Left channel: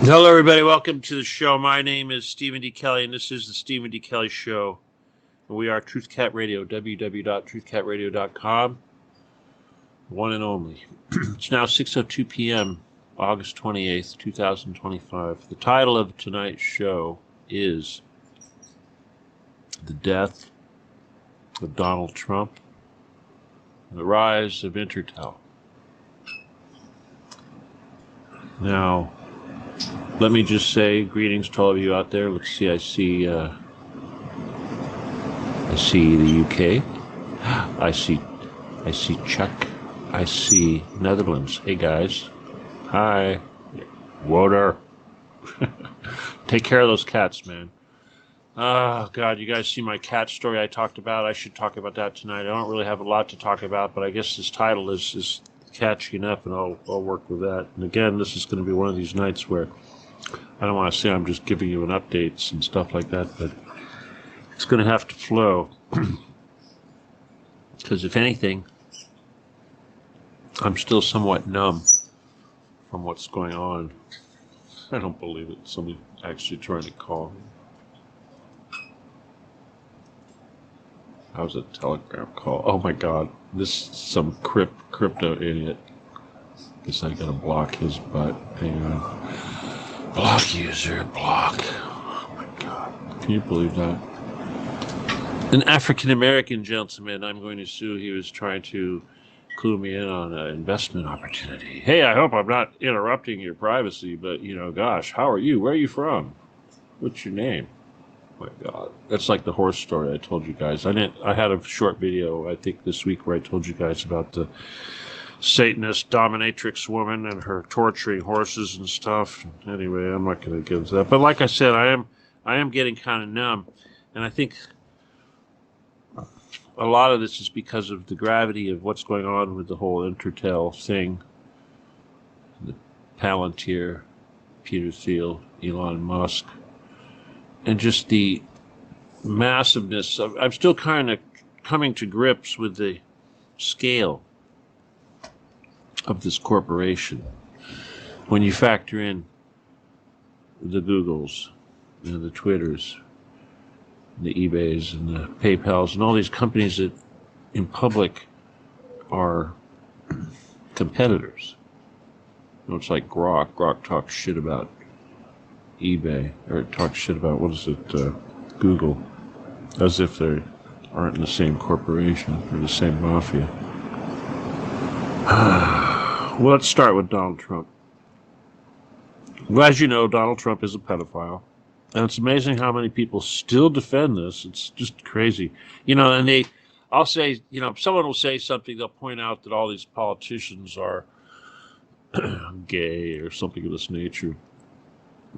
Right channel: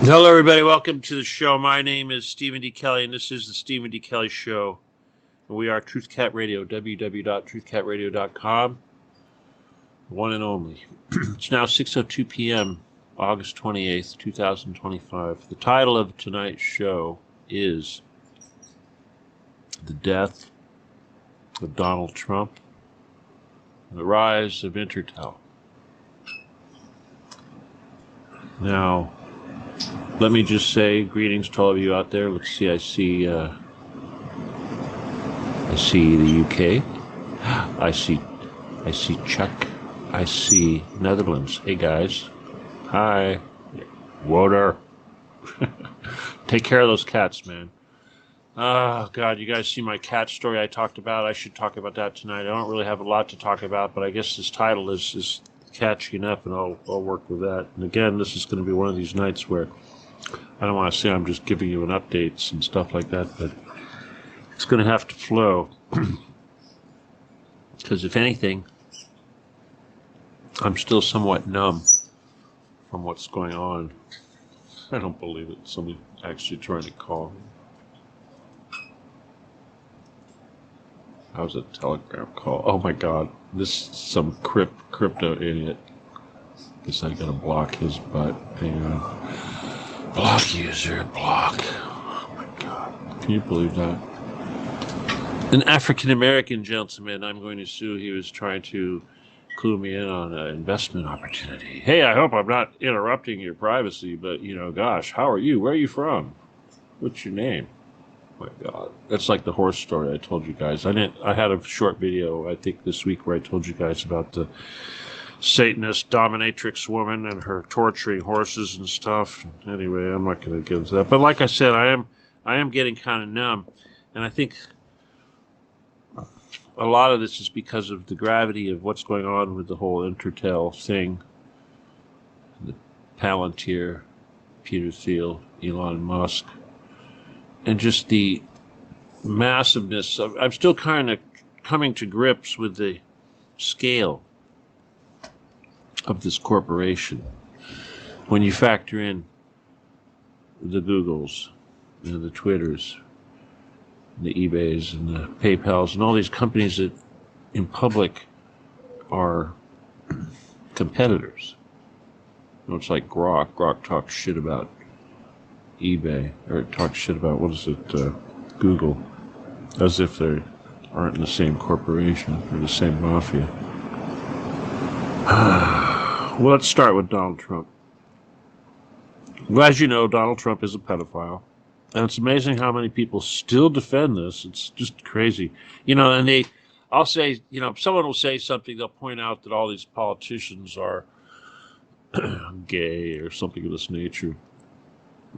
Hello, everybody. Welcome to the show. My name is Stephen D. Kelly, and this is the Stephen D. Kelly Show. And we are Truth Cat Radio, www.truthcatradio.com. One and only. It's now 6:02 p.m., August 28th, 2025. The title of tonight's show is The Death of Donald Trump, The Rise of Intertel. Now, let me just say greetings to all of you out there. Let's see, I see the UK. I see Czech. I see Netherlands. Hey guys. Hi. Water. Take care of those cats, man. Oh God, you guys see my cat story I talked about? I should talk about that tonight. I don't really have a lot to talk about, but I guess this title is catchy enough, and I'll work with that. And again, this is going to be one of these nights where I don't want to say I'm just giving you an updates and stuff like that, but it's going to have to flow. Because if anything, I'm still somewhat numb from what's going on. I don't believe it. Somebody actually trying to call. How's a telegram call? Oh my God. This is some crypto idiot. Guess I gotta block his butt. Hang on. Block user, block. Oh my God. Can you believe that? An African-American gentleman I'm going to sue. He was trying to clue me in on an investment opportunity. Hey, I hope I'm not interrupting your privacy, but, gosh, how are you? Where are you from? What's your name? Oh my God. That's like the horse story I told you guys. I had a short video, I think, this week where I told you guys about the Satanist dominatrix woman and her torturing horses and stuff. Anyway, I'm not going to get into that. But like I said, I am getting kind of numb, and I think a lot of this is because of the gravity of what's going on with the whole Intertel thing, the Palantir, Peter Thiel, Elon Musk, and just the massiveness. I'm still kind of coming to grips with the scale of this corporation when you factor in the Googles and the Twitters and the eBays and the PayPals and all these companies that in public are competitors. It's like Grok. Grok talks shit about eBay, or it talks shit about, Google, as if they aren't in the same corporation or the same mafia. Well, let's start with Donald Trump. Well, as you know, Donald Trump is a pedophile. And it's amazing how many people still defend this. It's just crazy. And I'll say, someone will say something, they'll point out that all these politicians are gay or something of this nature.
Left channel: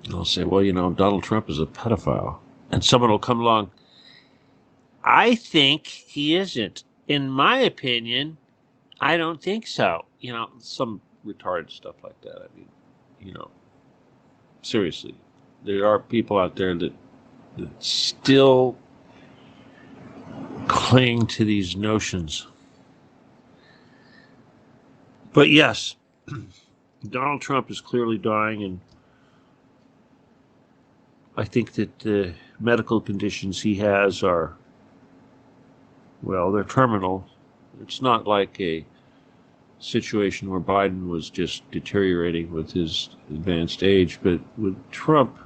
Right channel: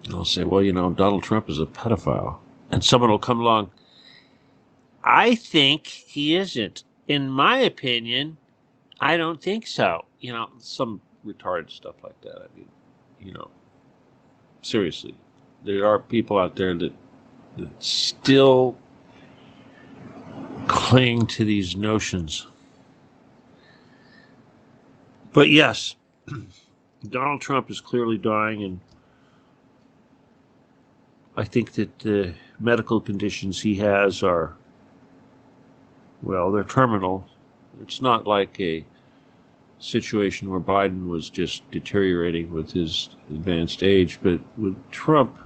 And I'll say, well, Donald Trump is a pedophile. And someone will come along, I think he isn't. In my opinion, I don't think so. Some retarded stuff like that. I mean, seriously, there are people out there that still cling to these notions. But yes, Donald Trump is clearly dying, and I think that the medical conditions he has are, well, they're terminal. It's not like a situation where Biden was just deteriorating with his advanced age, but with Trump,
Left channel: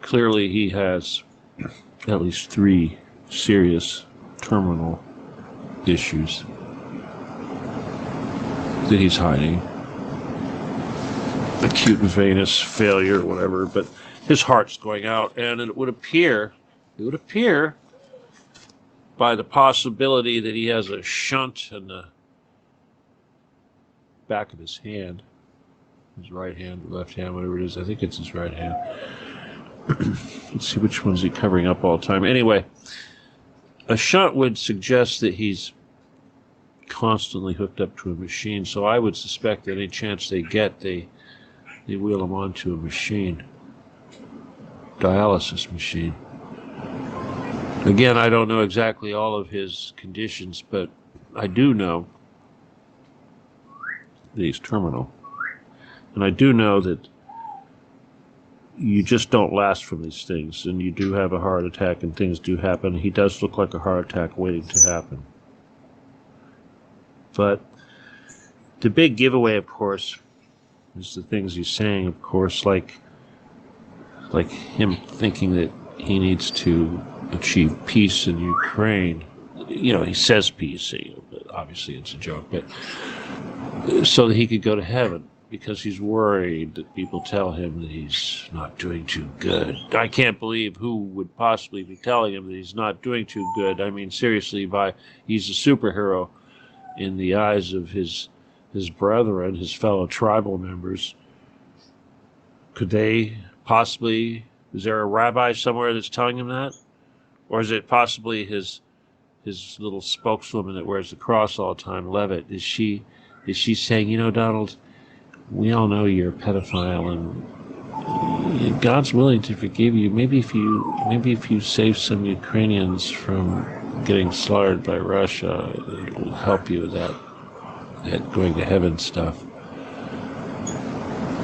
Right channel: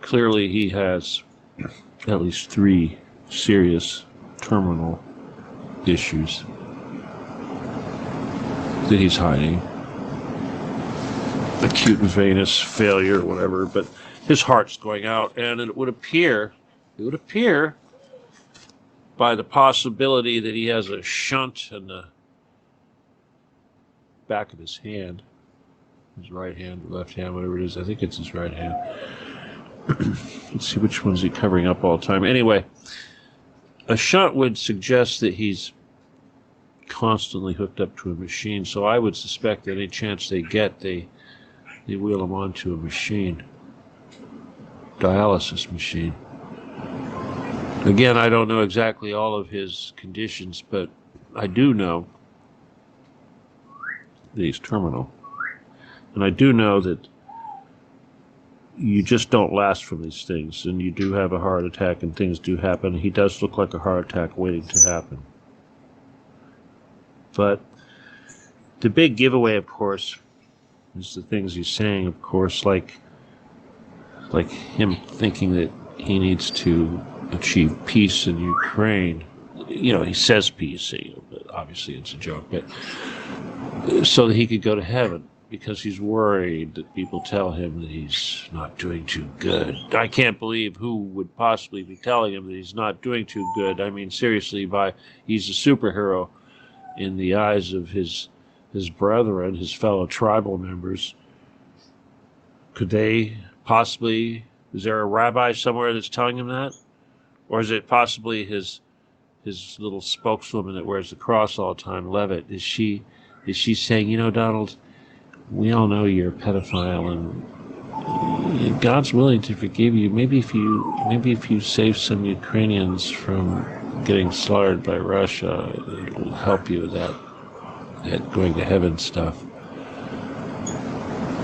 clearly he has at least 3 serious terminal issues that he's hiding. Acute venous failure or whatever, but his heart's going out, and it would appear by the possibility that he has a shunt in the back of his hand, his right hand, left hand, whatever it is. I think it's his right hand. Let's see, which one's he covering up all the time? Anyway, a shunt would suggest that he's constantly hooked up to a machine, so I would suspect that any chance they get, they wheel him onto a machine, dialysis machine. Again, I don't know exactly all of his conditions, but I do know that he's terminal. And I do know that you just don't last from these things, and you do have a heart attack, and things do happen. He does look like a heart attack waiting to happen. But the big giveaway, of course, is the things he's saying, of course, like him thinking that he needs to achieve peace in Ukraine. He says peace, but obviously it's a joke, but so that he could go to heaven, because he's worried that people tell him that he's not doing too good. I can't believe who would possibly be telling him that he's not doing too good. I mean, seriously, he's a superhero in the eyes of his brethren, his fellow tribal members. Could they possibly, is there a rabbi somewhere that's telling him that? Or is it possibly his little spokeswoman that wears the cross all the time, Levitt? Is she saying, Donald, we all know you're a pedophile, and God's willing to forgive you. Maybe if you save some Ukrainians from getting slaughtered by Russia, it'll help you with that going to heaven stuff.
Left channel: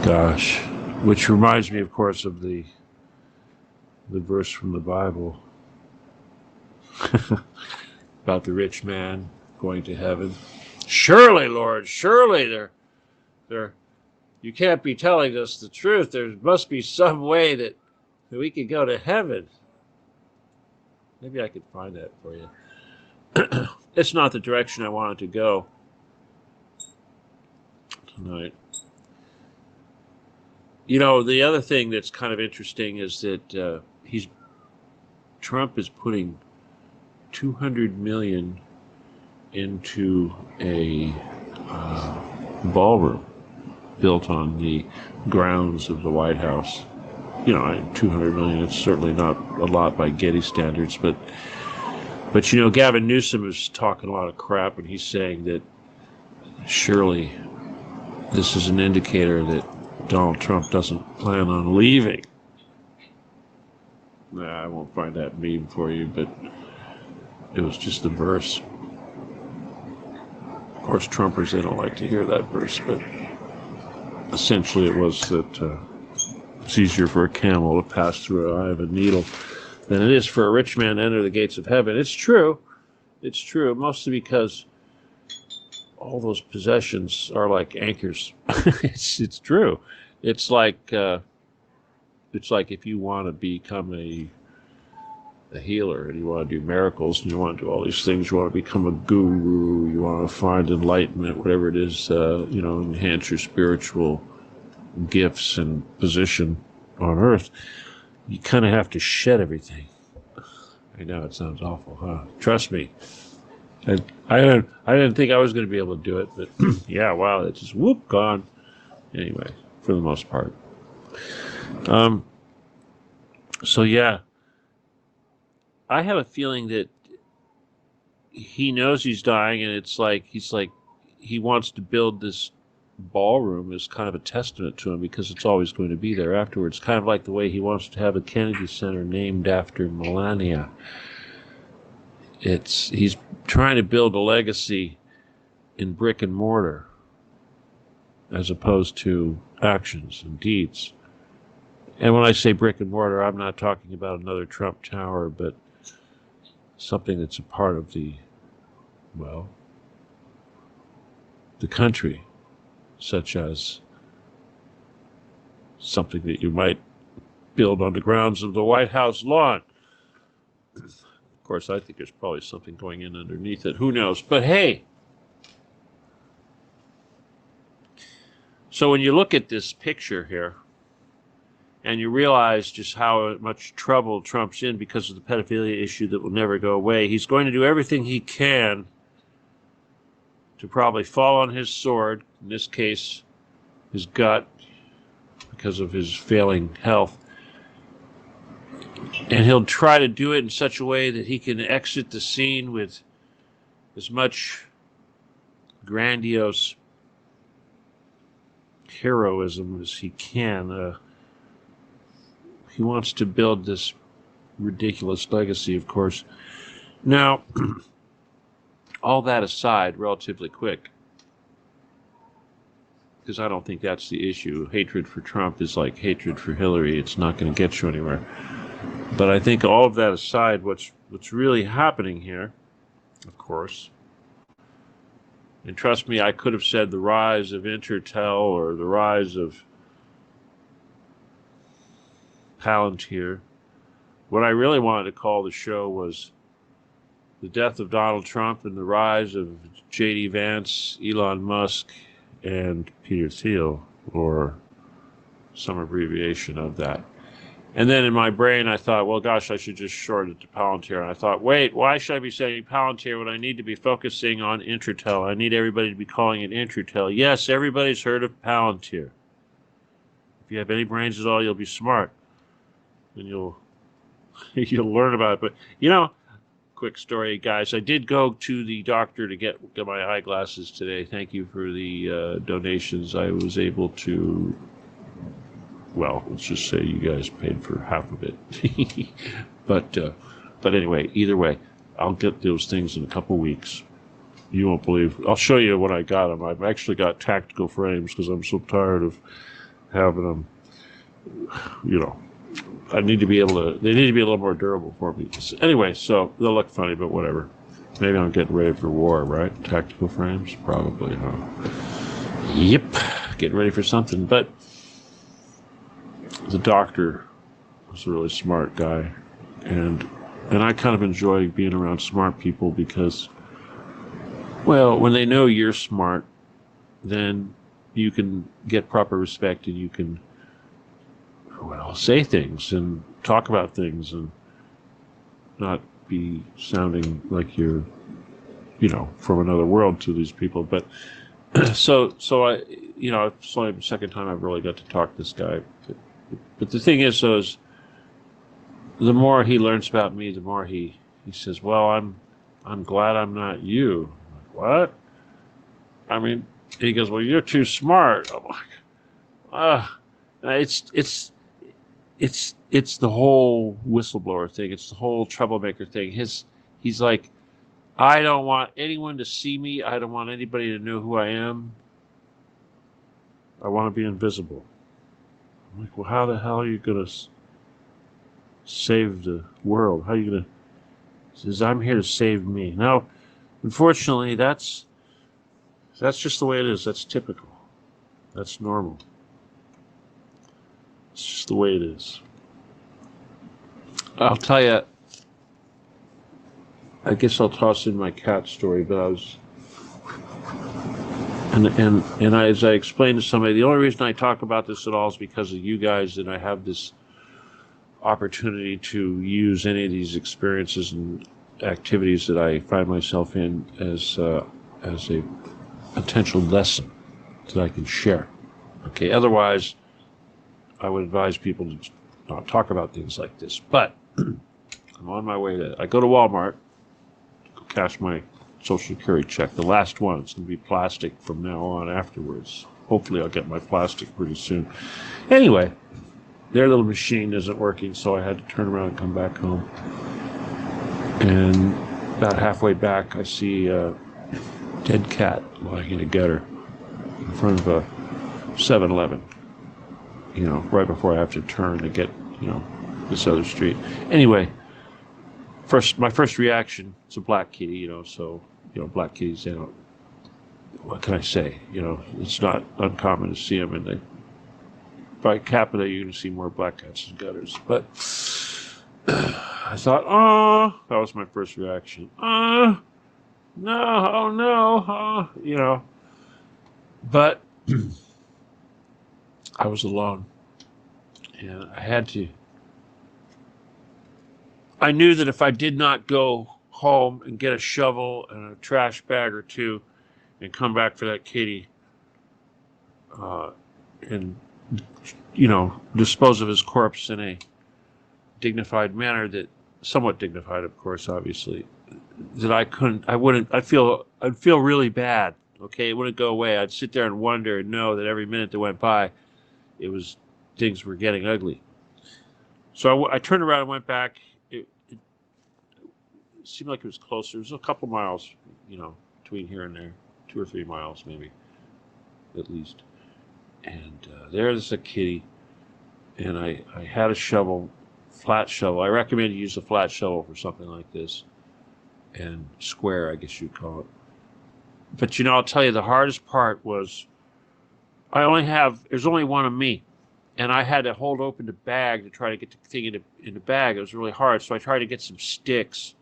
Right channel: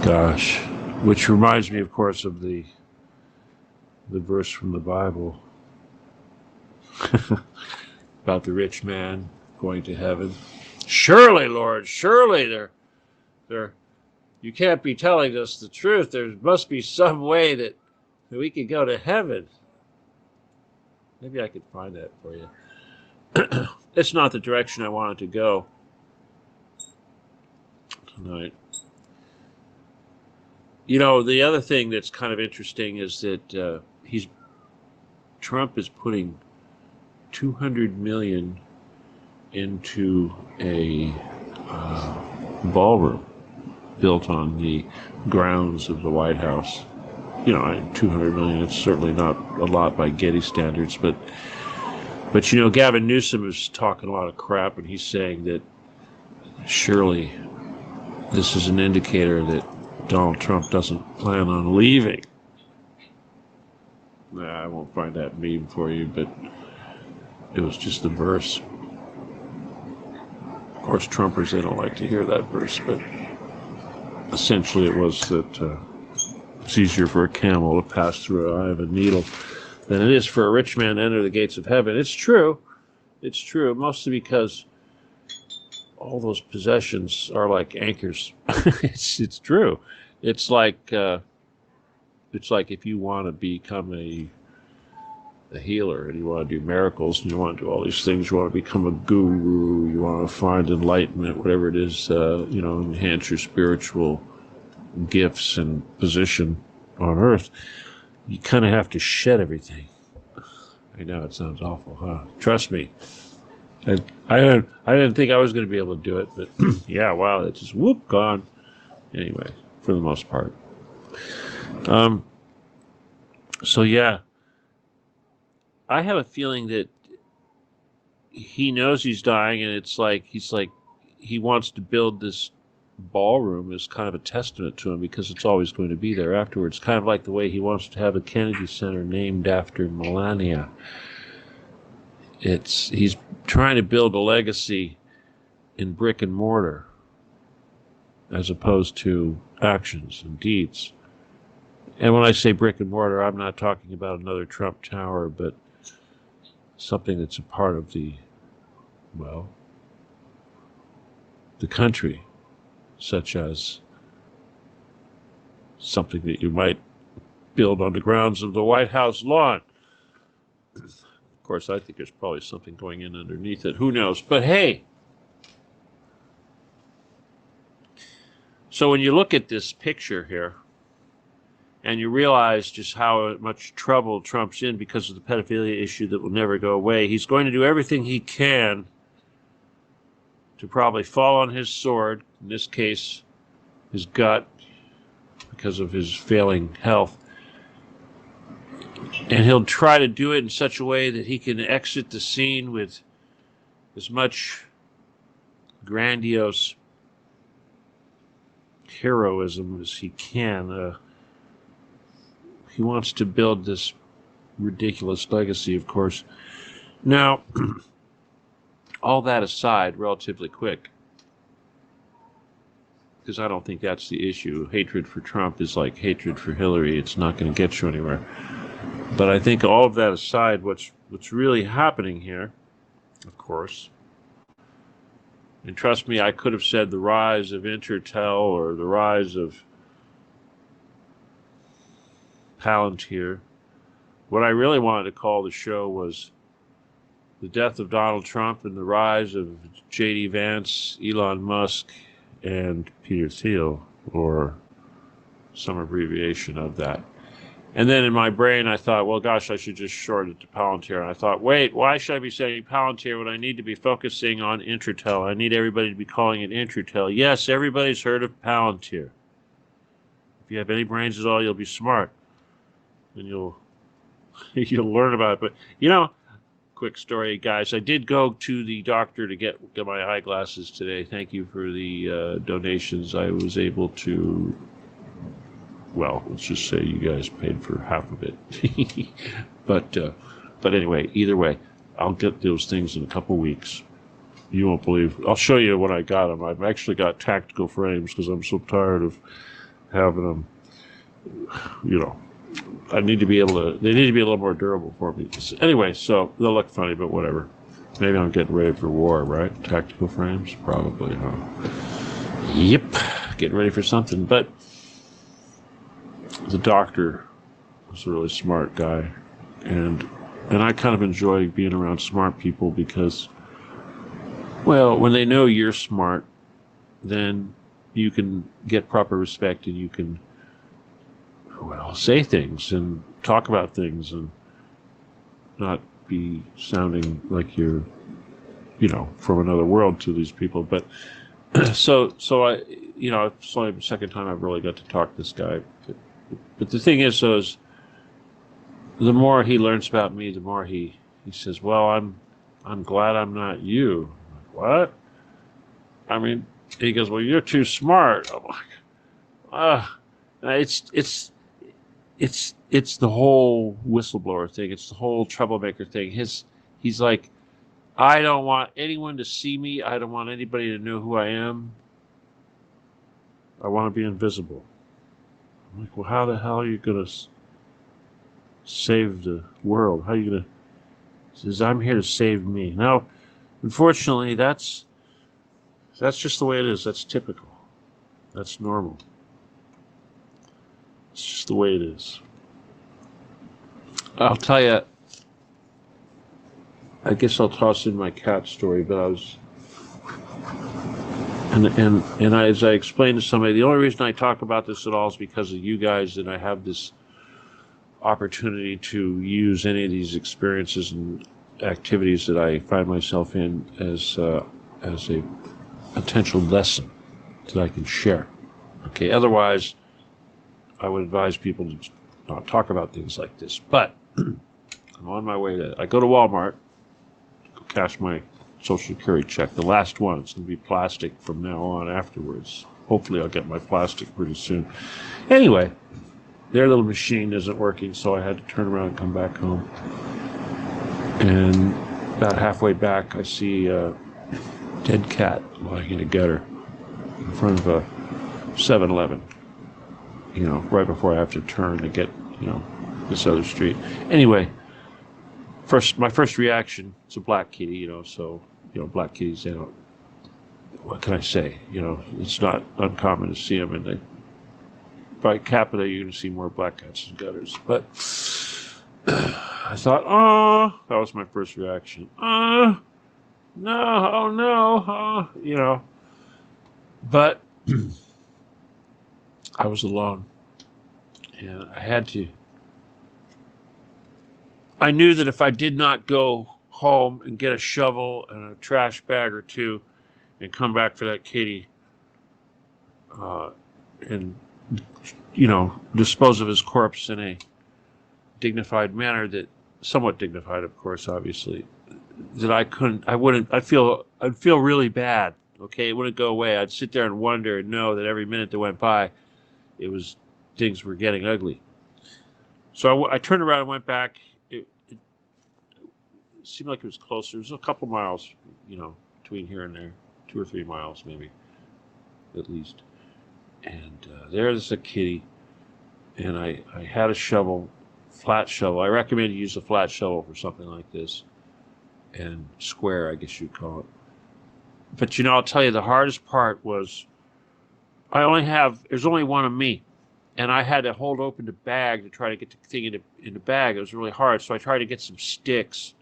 Gosh. Which reminds me, of course, of the verse from the Bible about the rich man going to heaven. Surely, Lord, surely you can't be telling us the truth. There must be some way that we could go to heaven. Maybe I could find that for you. It's not the direction I wanted to go tonight. The other thing that's kind of interesting is that Trump is putting $200 million into a ballroom built on the grounds of the White House. $200 million, it's certainly not a lot by Getty standards, but Gavin Newsom is talking a lot of crap, and he's saying that surely this is an indicator that Donald Trump doesn't plan on leaving. I won't find that meme for you, but it was just the verse. Of course, Trumpers, they don't like to hear that verse, but essentially it was that it's easier for a camel to pass through an eye of a needle than it is for a rich man to enter the gates of heaven. It's true. It's true, mostly because all those possessions are like anchors. It's true. It's like if you want to become a healer, and you want to do miracles, and you want to do all these things, you want to become a guru, you want to find enlightenment, whatever it is, enhance your spiritual gifts and position on earth, you kind of have to shed everything. I know it sounds awful, huh? Trust me. I didn't think I was going to be able to do it, but yeah, wow, it's just whoop, gone. Anyway, for the most part. So yeah, I have a feeling that he knows he's dying, and it's like he wants to build this ballroom as kind of a testament to him, because it's always going to be there afterwards. Kind of like the way he wants to have a Kennedy Center named after Melania. He's trying to build a legacy in brick and mortar as opposed to actions and deeds. And when I say brick and mortar, I'm not talking about another Trump Tower, but something that's a part of the country, such as something that you might build on the grounds of the White House lawn. Of course, I think there's probably something going in underneath it. Who knows? But hey, so when you look at this picture here, and you realize just how much trouble Trump's in because of the pedophilia issue that will never go away, he's going to do everything he can to probably fall on his sword, in this case, his gut, because of his failing health. And he'll try to do it in such a way that he can exit the scene with as much grandiose heroism as he can. He wants to build this ridiculous legacy, of course. Now, all that aside, relatively quick, because I don't think that's the issue. Hatred for Trump is like hatred for Hillary. It's not going to get you anywhere. But I think all of that aside, what's really happening here, of course, and trust me, I could have said the rise of Intertel or the rise of Palantir. What I really wanted to call the show was the death of Donald Trump and the rise of J.D. Vance, Elon Musk, and Peter Thiel, or some abbreviation of that. And then in my brain, I thought, well, gosh, I should just short it to Palantir. And I thought, wait, why should I be saying Palantir when I need to be focusing on Intertel? I need everybody to be calling it Intertel. Yes, everybody's heard of Palantir. If you have any brains at all, you'll be smart. And you'll learn about it. But, quick story, guys. I did go to the doctor to get my eyeglasses today. Thank you for the donations. I was able to... Well, let's just say you guys paid for half of it. but anyway, either way, I'll get those things in a couple weeks. You won't believe. I'll show you when I got them. I've actually got tactical frames because I'm so tired of having them. I need to be able to. They need to be a little more durable for me. Anyway, so they'll look funny, but whatever. Maybe I'm getting ready for war, right? Tactical frames, probably. Huh? Yep, getting ready for something, but. The doctor was a really smart guy, and I kind of enjoy being around smart people because, well, when they know you're smart, then you can get proper respect and you can, well, say things and talk about things and not be sounding like you're, from another world to these people. But so I, it's only the second time I've really got to talk to this guy. But the thing is, the more he learns about me, the more he says, well, I'm glad I'm not you. What? I mean, he goes, well, you're too smart. I'm like, it's the whole whistleblower thing. It's the whole troublemaker thing. He's like, I don't want anyone to see me. I don't want anybody to know who I am. I want to be invisible. I'm like, well, how the hell are you going to save the world? How are you going to... He says, I'm here to save me. Now, unfortunately, that's just the way it is. That's typical. That's normal. It's just the way it is. I'll tell you, I guess I'll toss in my cat story, but I was... And as I explained to somebody, the only reason I talk about this at all is because of you guys, and I have this opportunity to use any of these experiences and activities that I find myself in as a potential lesson that I can share. Okay, otherwise, I would advise people to not talk about things like this. But I'm on my way I go to Walmart to go cash my Social Security check, the last one. It's going to be plastic from now on afterwards. Hopefully I'll get my plastic pretty soon. Anyway, their little machine isn't working, so I had to turn around and come back home. And about halfway back, I see a dead cat lying in a gutter in front of a 7-Eleven, right before I have to turn to get, this other street. Anyway, my first reaction, it's a black kitty, so black kitties, what can I say? It's not uncommon to see them, and by capita, you can see more black cats in gutters. But I thought, that was my first reaction. No, oh no, But I was alone, and I had to. I knew that if I did not go home and get a shovel and a trash bag or two and come back for that kitty and, dispose of his corpse in a dignified manner, that somewhat dignified, of course, obviously, that I'd feel really bad. Okay, it wouldn't go away. I'd sit there and wonder and know that every minute that went by, things were getting ugly. So I turned around and went back. It seemed like it was closer. It was a couple miles, between here and there, 2 or 3 miles maybe, at least. And there's a kitty. And I had a shovel, flat shovel. I recommend you use a flat shovel for something like this. And square, I guess you'd call it. But I'll tell you, the hardest part was there's only one of me. And I had to hold open the bag to try to get the thing in the bag. It was really hard. So I tried to get some sticks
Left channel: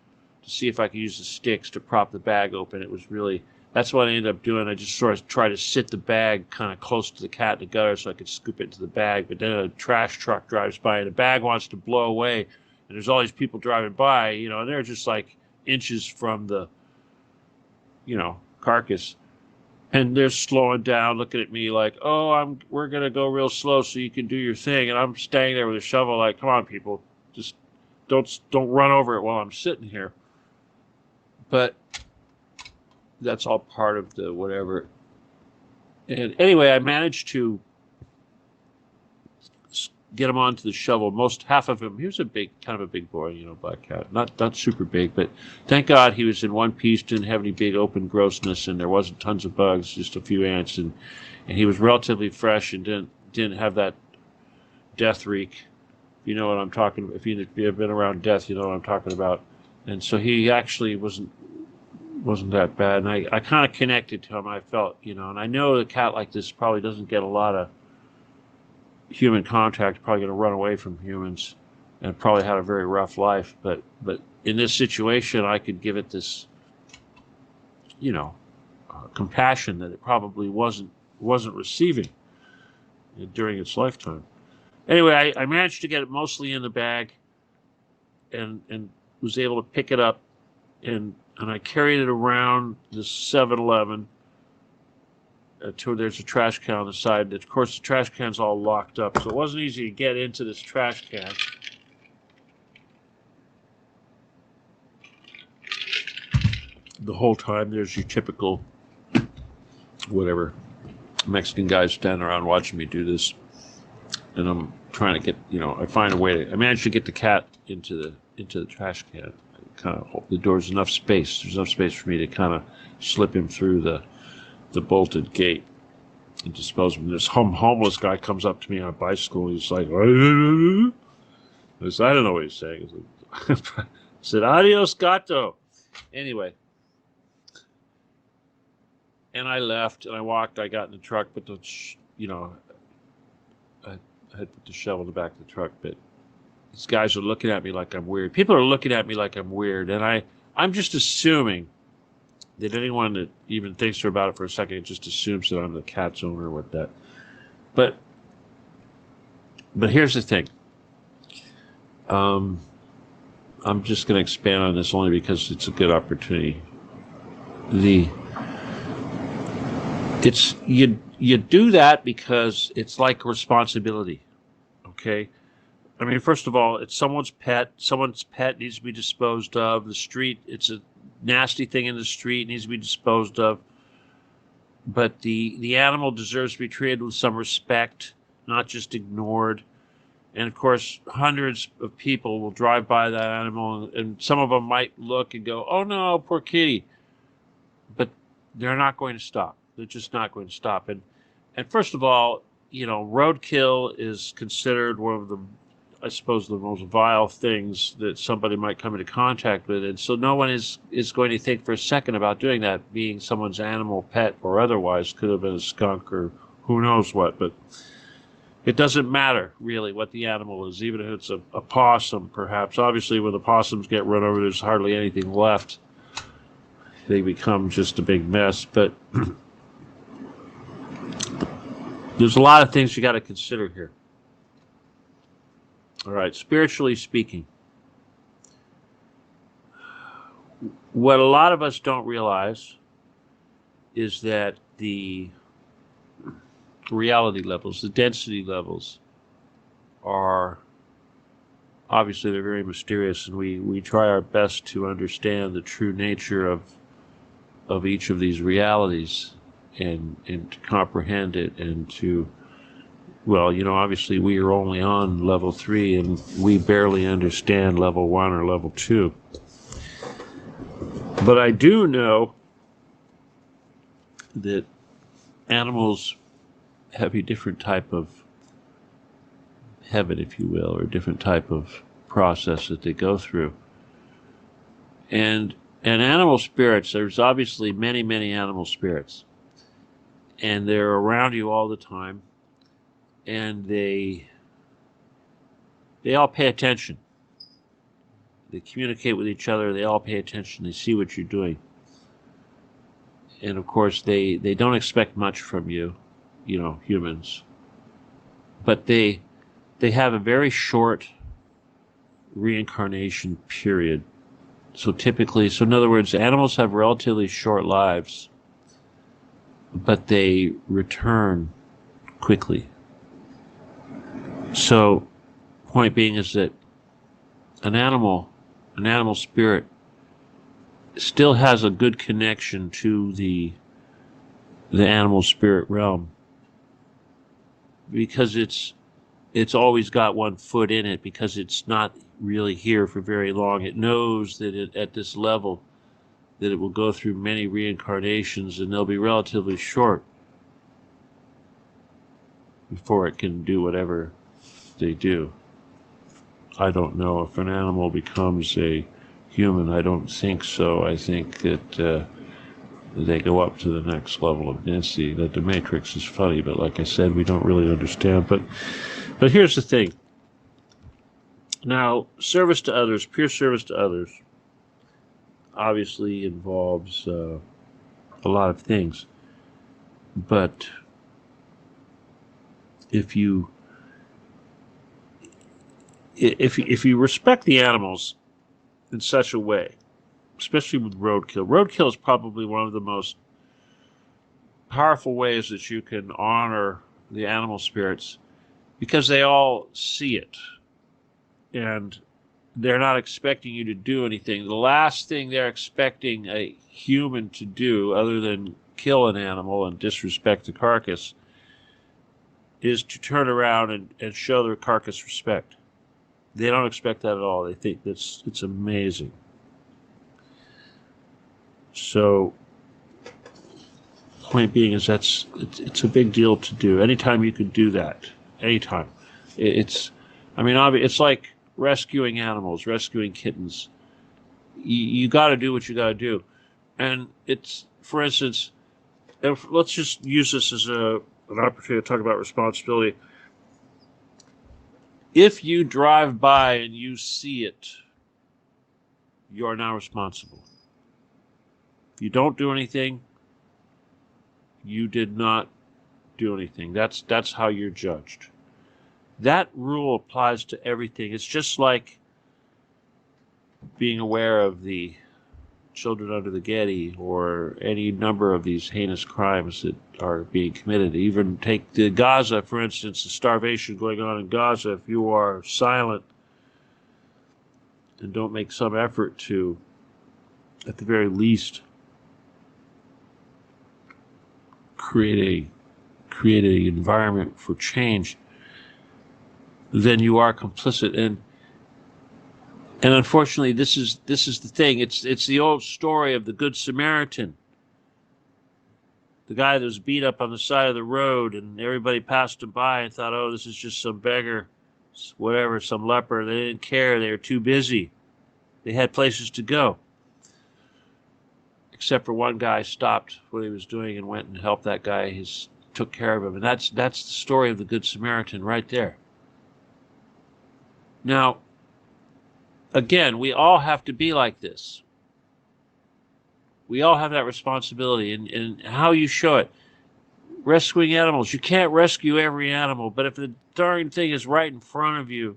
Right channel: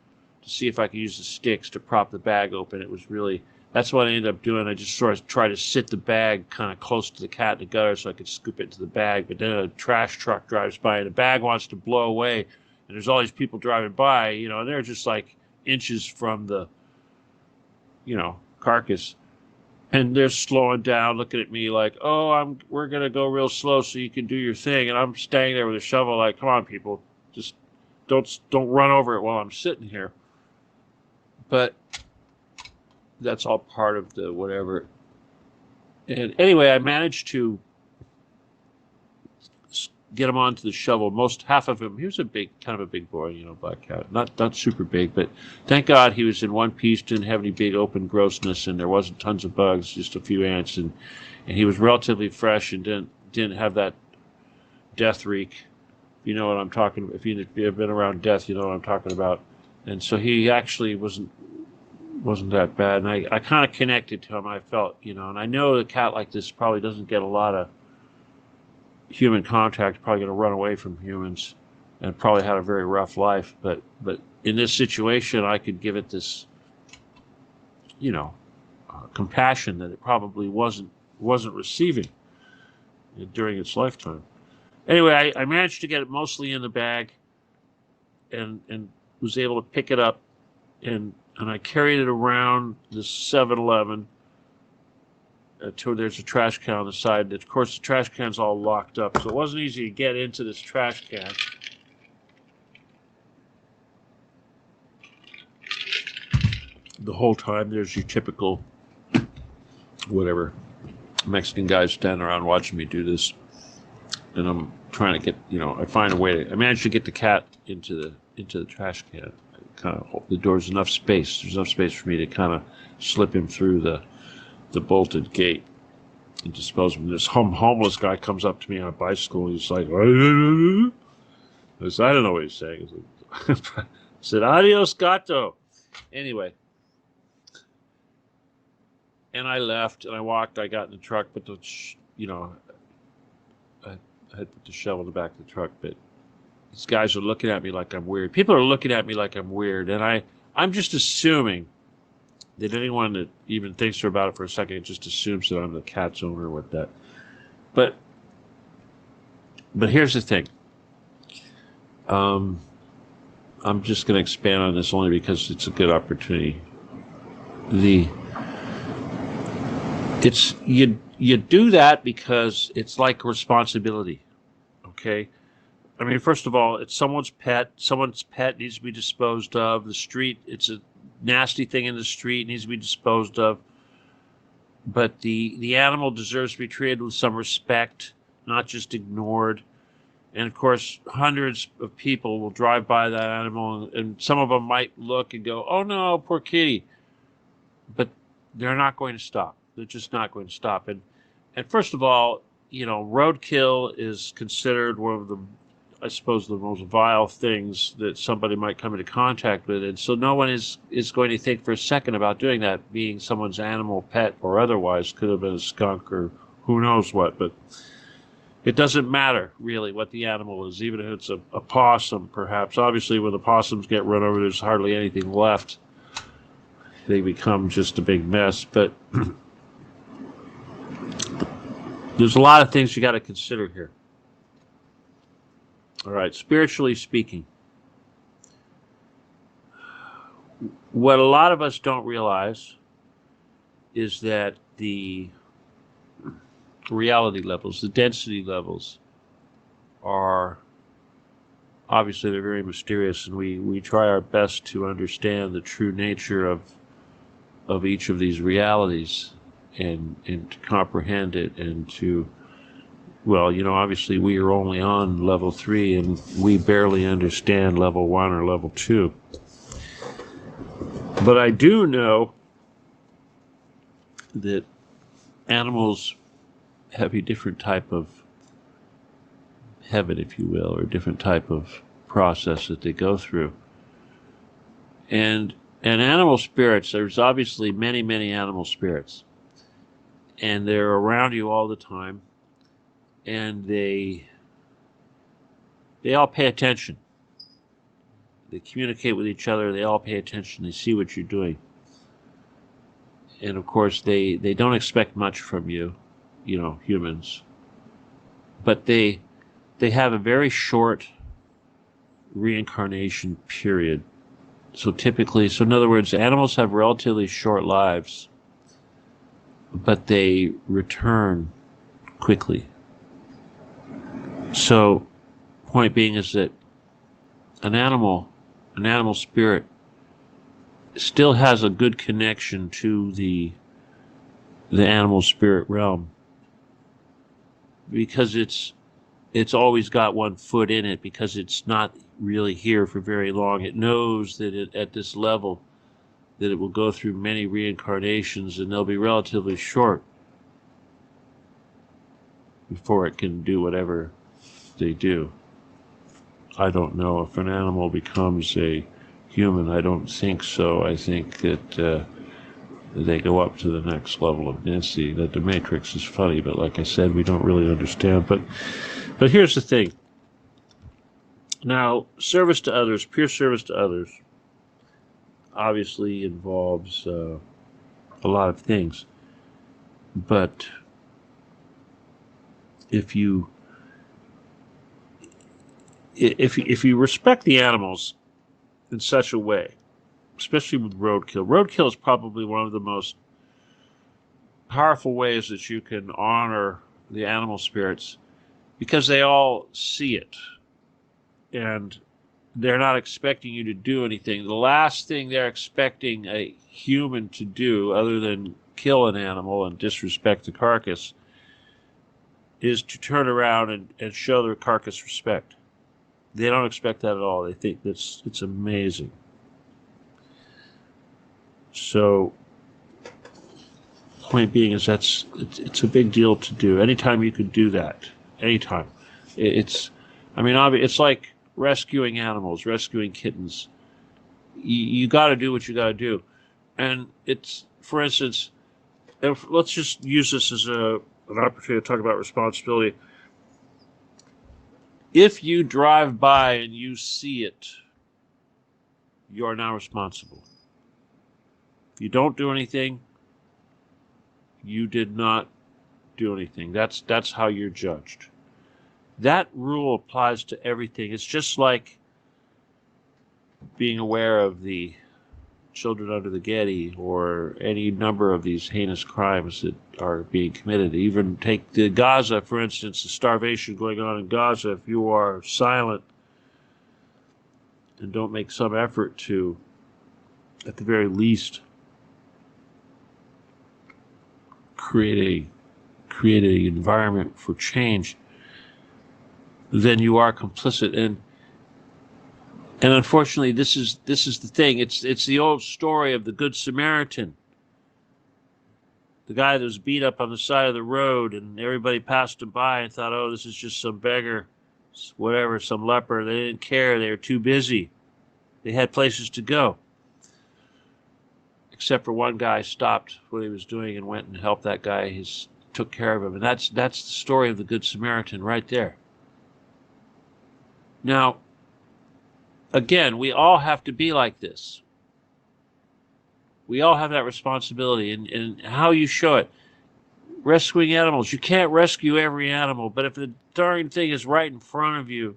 to see if I could use the sticks to prop the bag open. That's what I ended up doing. I just sort of tried to sit the bag kind of close to the cat in the gutter so I could scoop it into the bag. But then a trash truck drives by and the bag wants to blow away. And there's all these people driving by, and they're just like inches from the, carcass. And they're slowing down, looking at me like, "Oh, we're gonna go real slow so you can do your thing." And I'm standing there with a shovel, like, "Come on, people, just don't run over it while I'm sitting here." But that's all part of the whatever. And anyway, I managed to get him onto the shovel. Half of him, he was kind of a big boy, black cat. Not super big, but thank God he was in one piece, didn't have any big open grossness, and there wasn't tons of bugs, just a few ants, and he was relatively fresh and didn't have that death reek. You know what I'm talking about. If you've been around death, you know what I'm talking about. And so he actually wasn't that bad. And I kind of connected to him, I felt, and I know a cat like this probably doesn't get a lot of human contact, probably going to run away from humans and probably had a very rough life. But in this situation, I could give it this, compassion that it probably wasn't receiving during its lifetime. Anyway, I managed to get it mostly in the bag and was able to pick it up and I carried it around the 7-Eleven. There's a trash can on the side. Of course, the trash can's all locked up, so it wasn't easy to get into this trash can. The whole time, there's your typical, whatever, Mexican guys standing around watching me do this. And I'm trying to get, I find a way I managed to get the cat into the trash can. Kind of hope the door's enough space. There's enough space for me to kind of slip him through the bolted gate and dispose of him. This homeless guy comes up to me on a bicycle. He's like, I don't know what he's saying. I said, "Adios, gato." Anyway, and I left and I walked. I got in the truck, but I put the shovel in the back of the truck. But these guys are looking at me like I'm weird. People are looking at me like I'm weird, and I'm just assuming that anyone that even thinks about it for a second just assumes that I'm the cat's owner with that. But here's the thing. I'm just going to expand on this only because it's a good opportunity. You do that because it's like a responsibility. Okay? I mean, first of all, it's someone's pet. Someone's pet needs to be disposed of. The street, it's a nasty thing in the street, needs to be disposed of. But the animal deserves to be treated with some respect, not just ignored. And of course, hundreds of people will drive by that animal, and some of them might look and go, "Oh no, poor kitty." But they're not going to stop. They're just not going to stop. And first of all, roadkill is considered one of the, I suppose, the most vile things that somebody might come into contact with. And so no one is going to think for a second about doing that, being someone's animal, pet, or otherwise. Could have been a skunk or who knows what. But it doesn't matter, really, what the animal is, even if it's a possum, perhaps. Obviously, when the possums get run over, there's hardly anything left. They become just a big mess. But there's a lot of things you got to consider here. All right, spiritually speaking, what a lot of us don't realize is that the reality levels, the density levels, are obviously they're very mysterious, and we try our best to understand the true nature of each of these realities and to comprehend it and to, well, obviously we are only on level 3 and we barely understand level 1 or level 2. But I do know that animals have a different type of heaven, if you will, or a different type of process that they go through. And animal spirits, there's obviously many, many animal spirits. And they're around you all the time. And they all pay attention. They communicate with each other. They all pay attention. They see what you're doing. And of course, they don't expect much from you, humans. But they have a very short reincarnation period. So in other words, animals have relatively short lives, but they return quickly. So, point being is that an animal spirit still has a good connection to the animal spirit realm, because it's always got one foot in it, because it's not really here for very long. It knows that at this level that it will go through many reincarnations, and they'll be relatively short before it can do whatever they do. I don't know if an animal becomes a human. I don't think so. I think that they go up to the next level of density. That the Matrix is funny, but like I said, we don't really understand. But here's the thing. Now, service to others, pure service to others, obviously involves a lot of things. But if you respect the animals in such a way, especially with roadkill. Roadkill is probably one of the most powerful ways that you can honor the animal spirits, because they all see it, and they're not expecting you to do anything. The last thing they're expecting a human to do, other than kill an animal and disrespect the carcass, is to turn around and show their carcass respect. They don't expect that at all. They think it's amazing. So, point being is it's a big deal to do. Anytime you can do that, anytime. It's like rescuing animals, rescuing kittens. You got to do what you got to do. And it's, for instance, and let's just use this as an opportunity to talk about responsibility. If you drive by and you see it, you are now responsible. If you don't do anything, you did not do anything. That's how you're judged. That rule applies to everything. It's just like being aware of the children under the Getty, or any number of these heinous crimes that are being committed. Even take the Gaza, for instance, the starvation going on in Gaza. If you are silent and don't make some effort to, at the very least, create an environment for change, then you are complicit. And unfortunately, this is the thing. It's the old story of the Good Samaritan. The guy that was beat up on the side of the road, and everybody passed him by and thought, oh, this is just some beggar, whatever, some leper. They didn't care. They were too busy. They had places to go. Except for one guy stopped what he was doing and went and helped that guy. He took care of him. And that's the story of the Good Samaritan right there. Now, again, we all have to be like this. We all have that responsibility, and how you show it. Rescuing animals. You can't rescue every animal, but if the darn thing is right in front of you,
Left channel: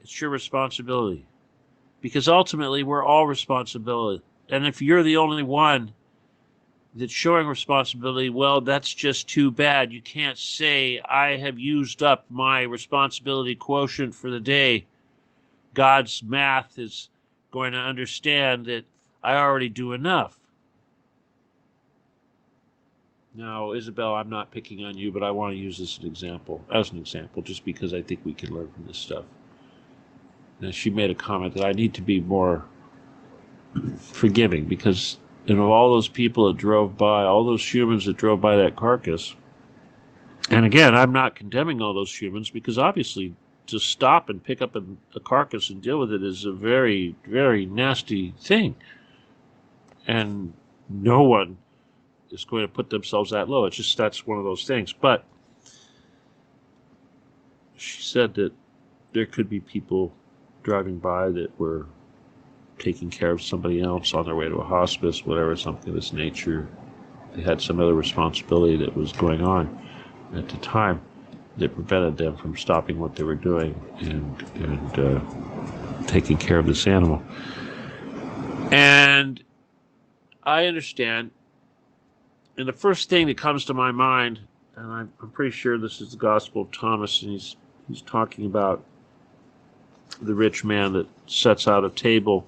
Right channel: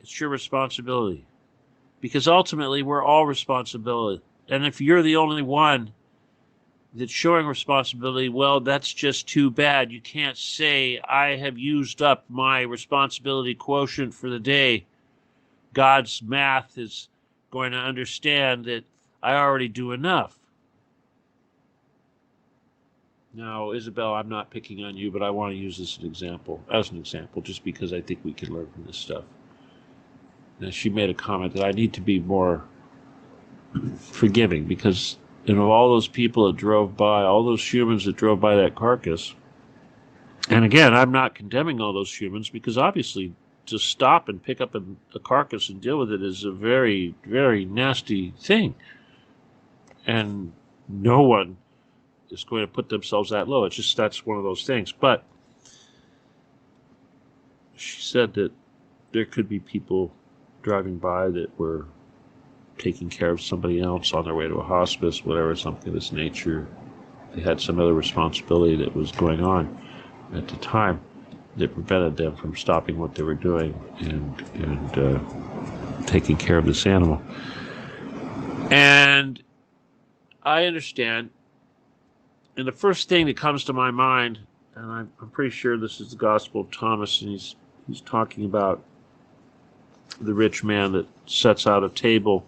it's your responsibility. Because ultimately, we're all responsible. And if you're the only one that's showing responsibility, well, that's just too bad. You can't say, I have used up my responsibility quotient for the day. God's math is going to understand that I already do enough. No, Isabel, I'm not picking on you, but I want to use this as an example, just because I think we can learn from this stuff. Now, she made a comment that I need to be more forgiving, because all those people that drove by, all those humans that drove by that carcass, And again, I'm not condemning all those humans, because obviously to stop and pick up a carcass and deal with it is a very, very nasty thing. And no one is going to put themselves that low. It's just, that's one of those things. But she said that there could be people driving by that were taking care of somebody else on their way to a hospice, whatever, something of this nature. They had some other responsibility that was going on at the time that prevented them from stopping what they were doing and taking care of this animal. And I understand. And the first thing that comes to my mind, and I'm pretty sure this is the Gospel of Thomas, and he's talking about the rich man that sets out a table.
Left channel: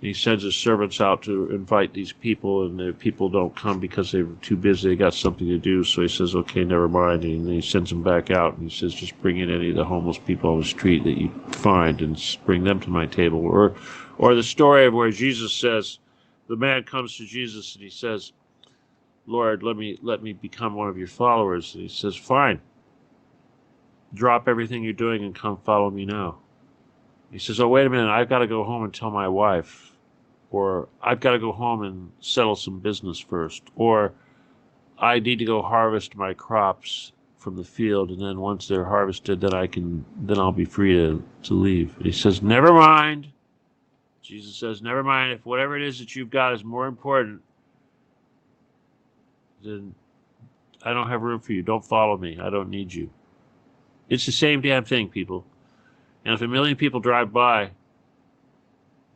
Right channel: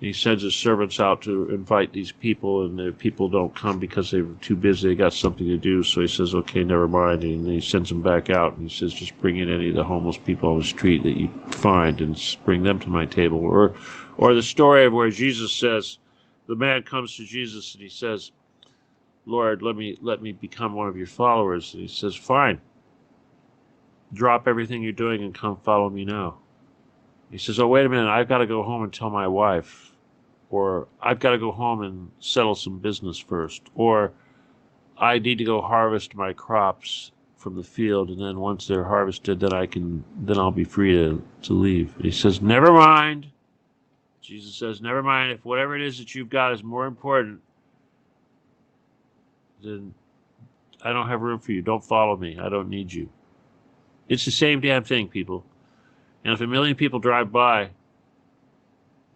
He sends his servants out to invite these people, and the people don't come because they're too busy. They got something to do. So he says, okay, never mind. And then he sends them back out, and he says, just bring in any of the homeless people on the street that you find and bring them to my table. Or the story of where Jesus says, the man comes to Jesus and he says, Lord, let me become one of your followers. And he says, fine. Drop everything you're doing and come follow me now. He says, oh, wait a minute, I've got to go home and tell my wife. Or I've got to go home and settle some business first. Or I need to go harvest my crops from the field, and then once they're harvested, then I'll be free to leave. And he says, never mind. Jesus says, never mind. If whatever it is that you've got is more important, then I don't have room for you. Don't follow me. I don't need you. It's the same damn thing, people. And if a million people drive by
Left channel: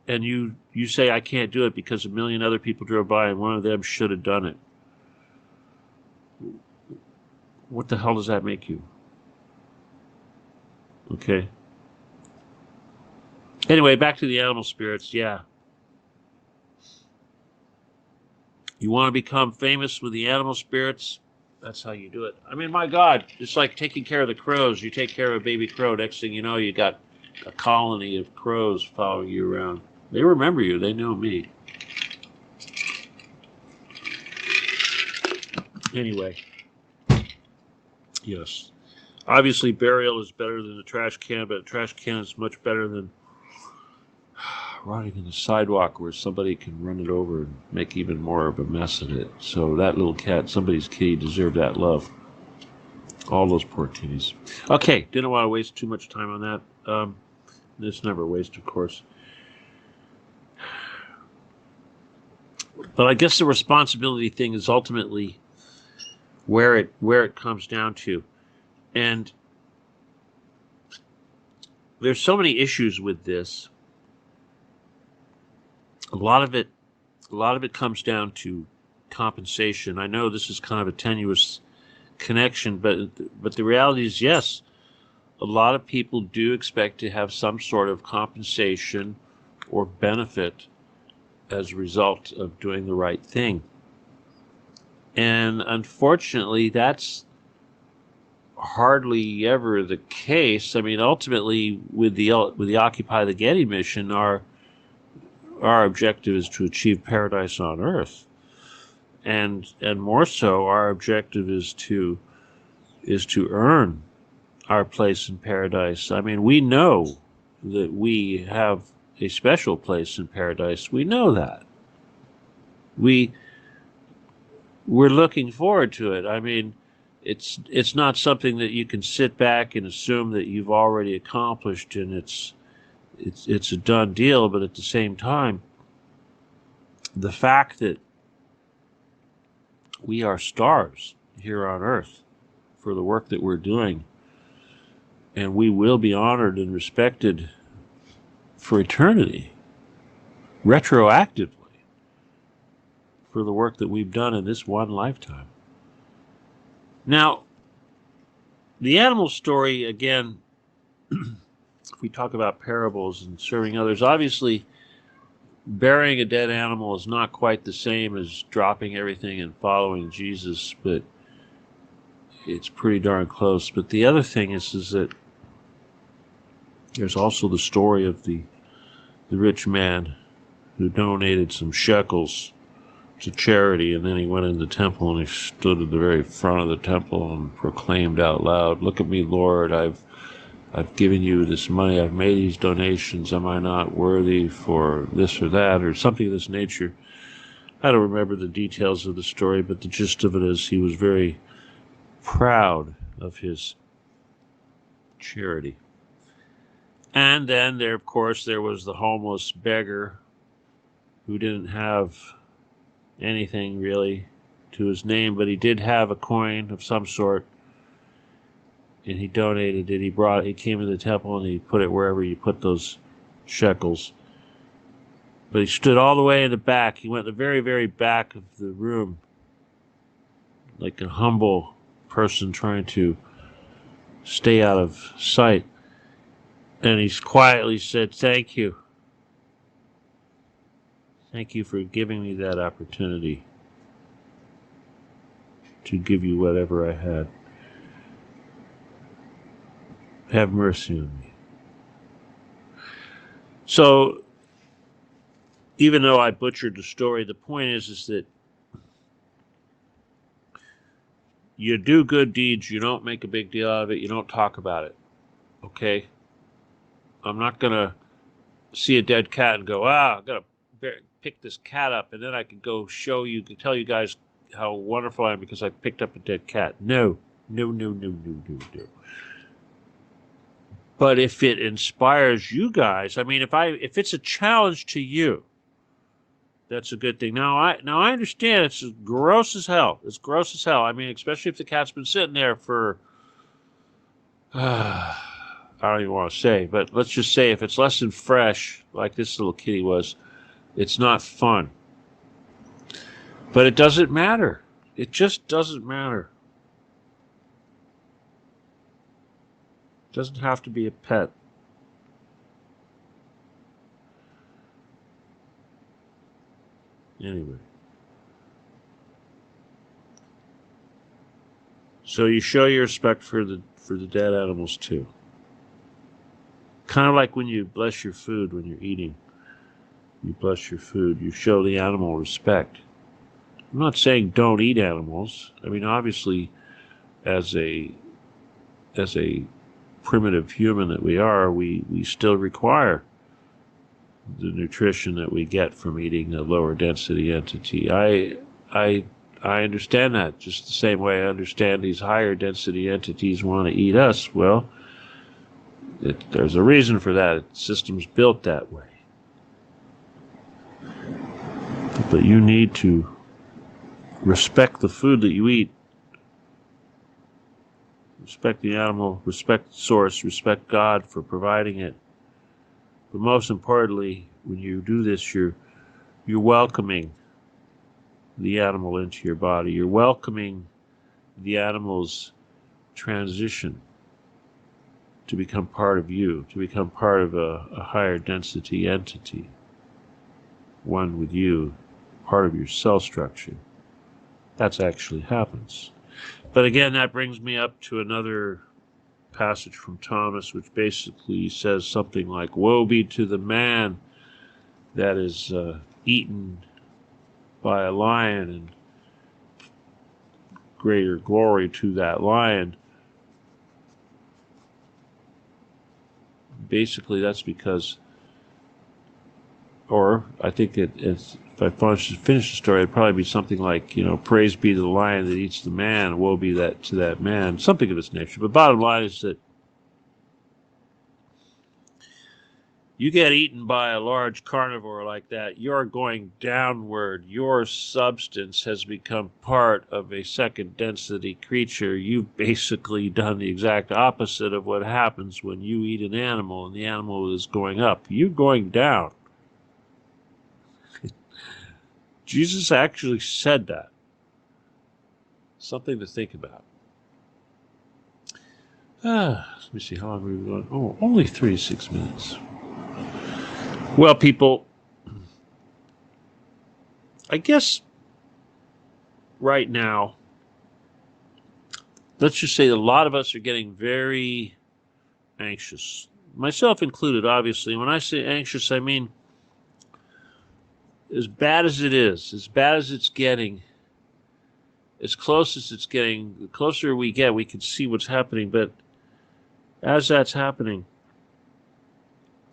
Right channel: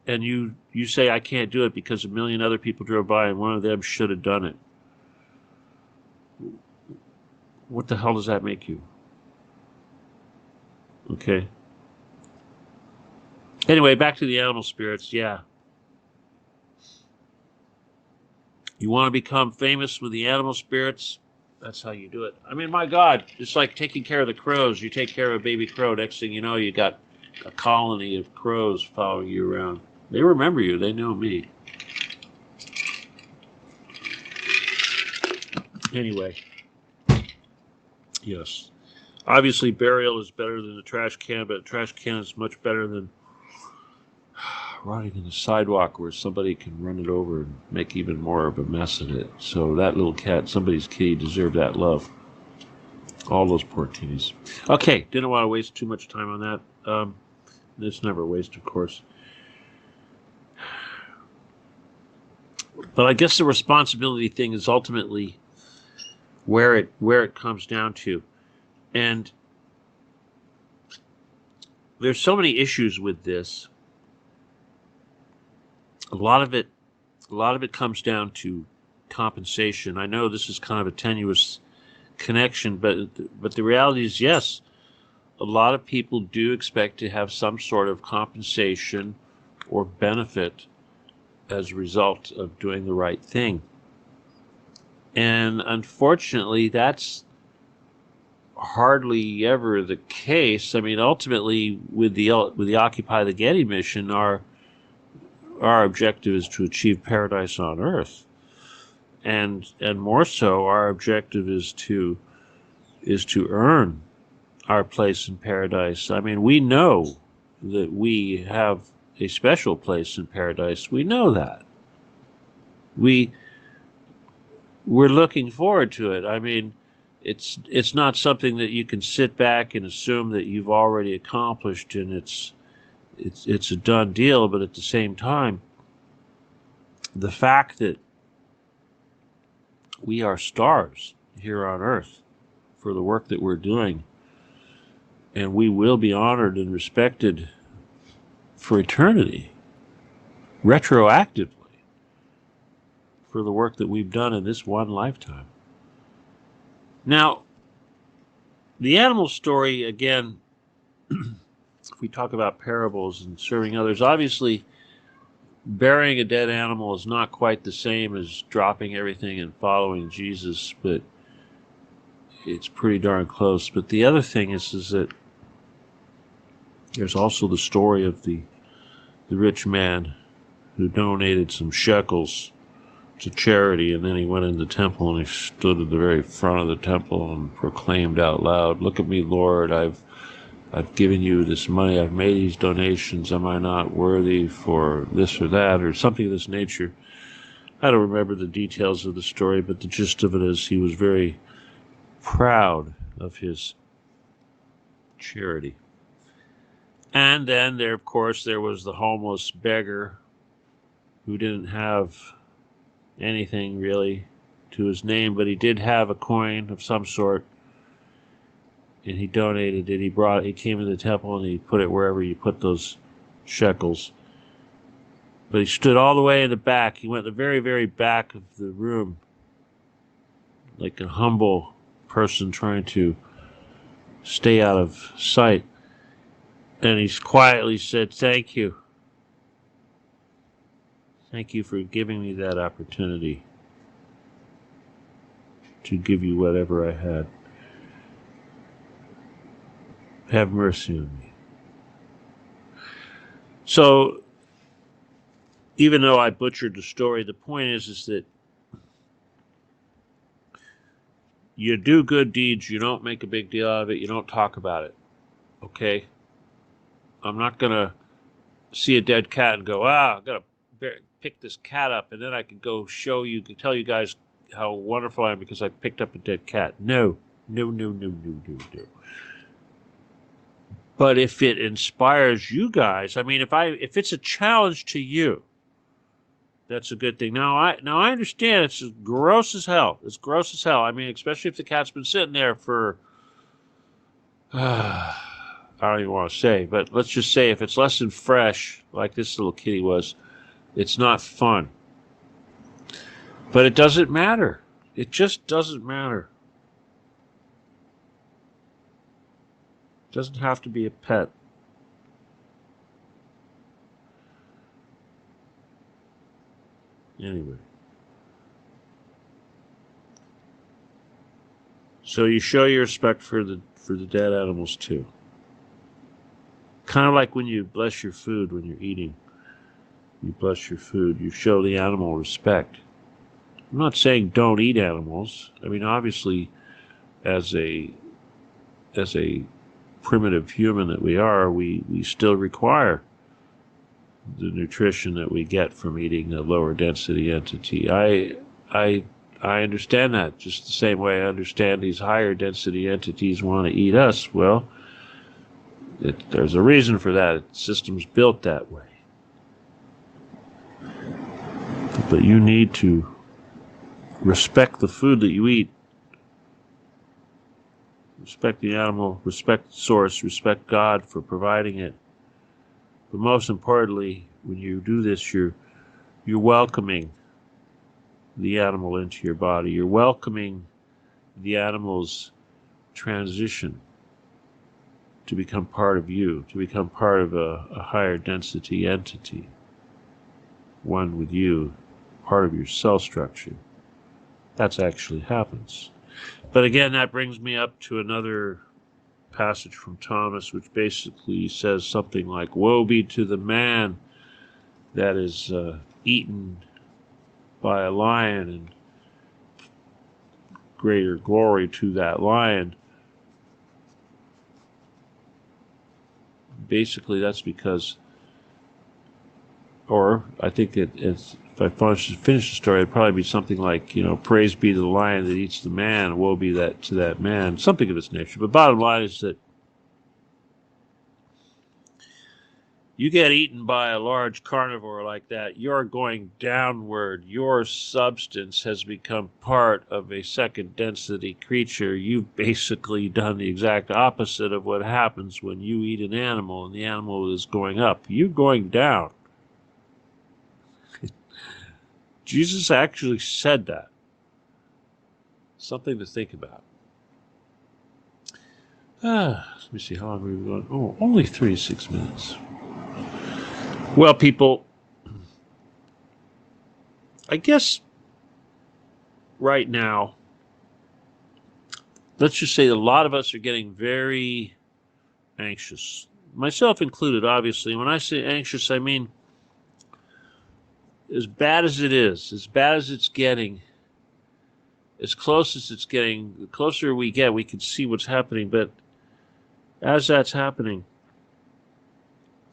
and you say, I can't do it because a million other people drove by and one of them should have done it, what the hell does that make you? Okay. Anyway, back to the animal spirits. Yeah. You want to become famous with the animal spirits? That's how you do it. I mean, my God, it's like taking care of the crows. You take care of a baby crow. Next thing you know, you got a colony of crows following you around. They remember you. They know me. Anyway, yes. Obviously, burial is better than a trash can, but a trash can is much better than rotting in the sidewalk where somebody can run it over and make even more of a mess of it. So that little cat, somebody's kitty, deserved that love. All those poor kitties. Okay, didn't want to waste too much time on that. It's never a waste, of course. But I guess the responsibility thing is ultimately where it comes down to. And there's so many issues with this. A lot of it comes down to compensation. I know this is kind of a tenuous connection, but the reality is, yes, a lot of people do expect to have some sort of compensation or benefit as a result of doing the right thing. And unfortunately, that's hardly ever the case. I mean, ultimately, with the Occupy the Getty mission, our objective is to achieve paradise on earth, and more so, our objective is to earn our place in paradise. I mean, we know that we have a special place in paradise. We know that. We're looking forward to it. I mean, it's not something that you can sit back and assume that you've already accomplished and it's a done deal. But at the same time, the fact that we are stars here on earth for the work that we're doing, and we will be honored and respected for eternity, retroactively, for the work that we've done in this one lifetime. Now, the animal story, again, if we talk about parables and serving others, obviously burying a dead animal is not quite the same as dropping everything and following Jesus, but it's pretty darn close. But the other thing is that there's also the story of the rich man who donated some shekels to charity, and then he went in the temple and he stood at the very front of the temple and proclaimed out loud, "Look at me, Lord, I've given you this money, I've made these donations, am I not worthy for this or that," or something of this nature. I don't remember the details of the story, but the gist of it is he was very proud of his charity. And then there, of course, there was the homeless beggar who didn't have anything really to his name, but he did have a coin of some sort, and he donated it. He came to the temple and he put it wherever you put those shekels. But he stood all the way in the back. He went to the very, very back of the room, like a humble person trying to stay out of sight. And he quietly said, "Thank you. Thank you for giving me that opportunity to give you whatever I had. Have mercy on me." So, even though I butchered the story, the point is that you do good deeds, you don't make a big deal out of it, you don't talk about it. Okay? I'm not going to see a dead cat and go, I've got to pick this cat up, and then I can go tell you guys how wonderful I am because I picked up a dead cat. No. But if it inspires you guys, I mean, if it's a challenge to you, that's a good thing. Now I understand it's gross as hell. It's gross as hell. I mean, especially if the cat's been sitting there for I don't even want to say, but let's just say if it's less than fresh, like this little kitty was, it's not fun. But it doesn't matter. It just doesn't matter. It doesn't have to be a pet. Anyway. So you show your respect for the dead animals too. Kind of like when you bless your food when you're eating. You bless your food. You show the animal respect. I'm not saying don't eat animals. I mean, obviously, as a primitive human that we are, we still require the nutrition that we get from eating a lower density entity. I understand that just the same way I understand these higher density entities want to eat us. Well, there's a reason for that. The system's built that way. But you need to respect the food that you eat. Respect the animal, respect the source, respect God for providing it. But most importantly, when you do this, you're welcoming the animal into your body. You're welcoming the animal's transition to become part of you, to become part of a higher density entity, one with you, part of your cell structure. That actually happens. But again, that brings me up to another passage from Thomas, which basically says something like, "Woe be to the man that is eaten by a lion, and greater glory to that lion." Basically, that's because, or I think it's, if I finish the story, it'd probably be something like, praise be to the lion that eats the man, woe be to that man, something of its nature. But bottom line is that you get eaten by a large carnivore like that, you're going downward. Your substance has become part of a second density creature. You've basically done the exact opposite of what happens when you eat an animal and the animal is going up. You're going down. Jesus actually said that. Something to think about. Let me see, how long have we gone? Oh, only 36 minutes. Well, people, I guess right now, let's just say a lot of us are getting very anxious. Myself included, obviously. When I say anxious, I mean as bad as it is, as bad as it's getting, as close as it's getting, the closer we get, we can see what's happening. But as that's happening,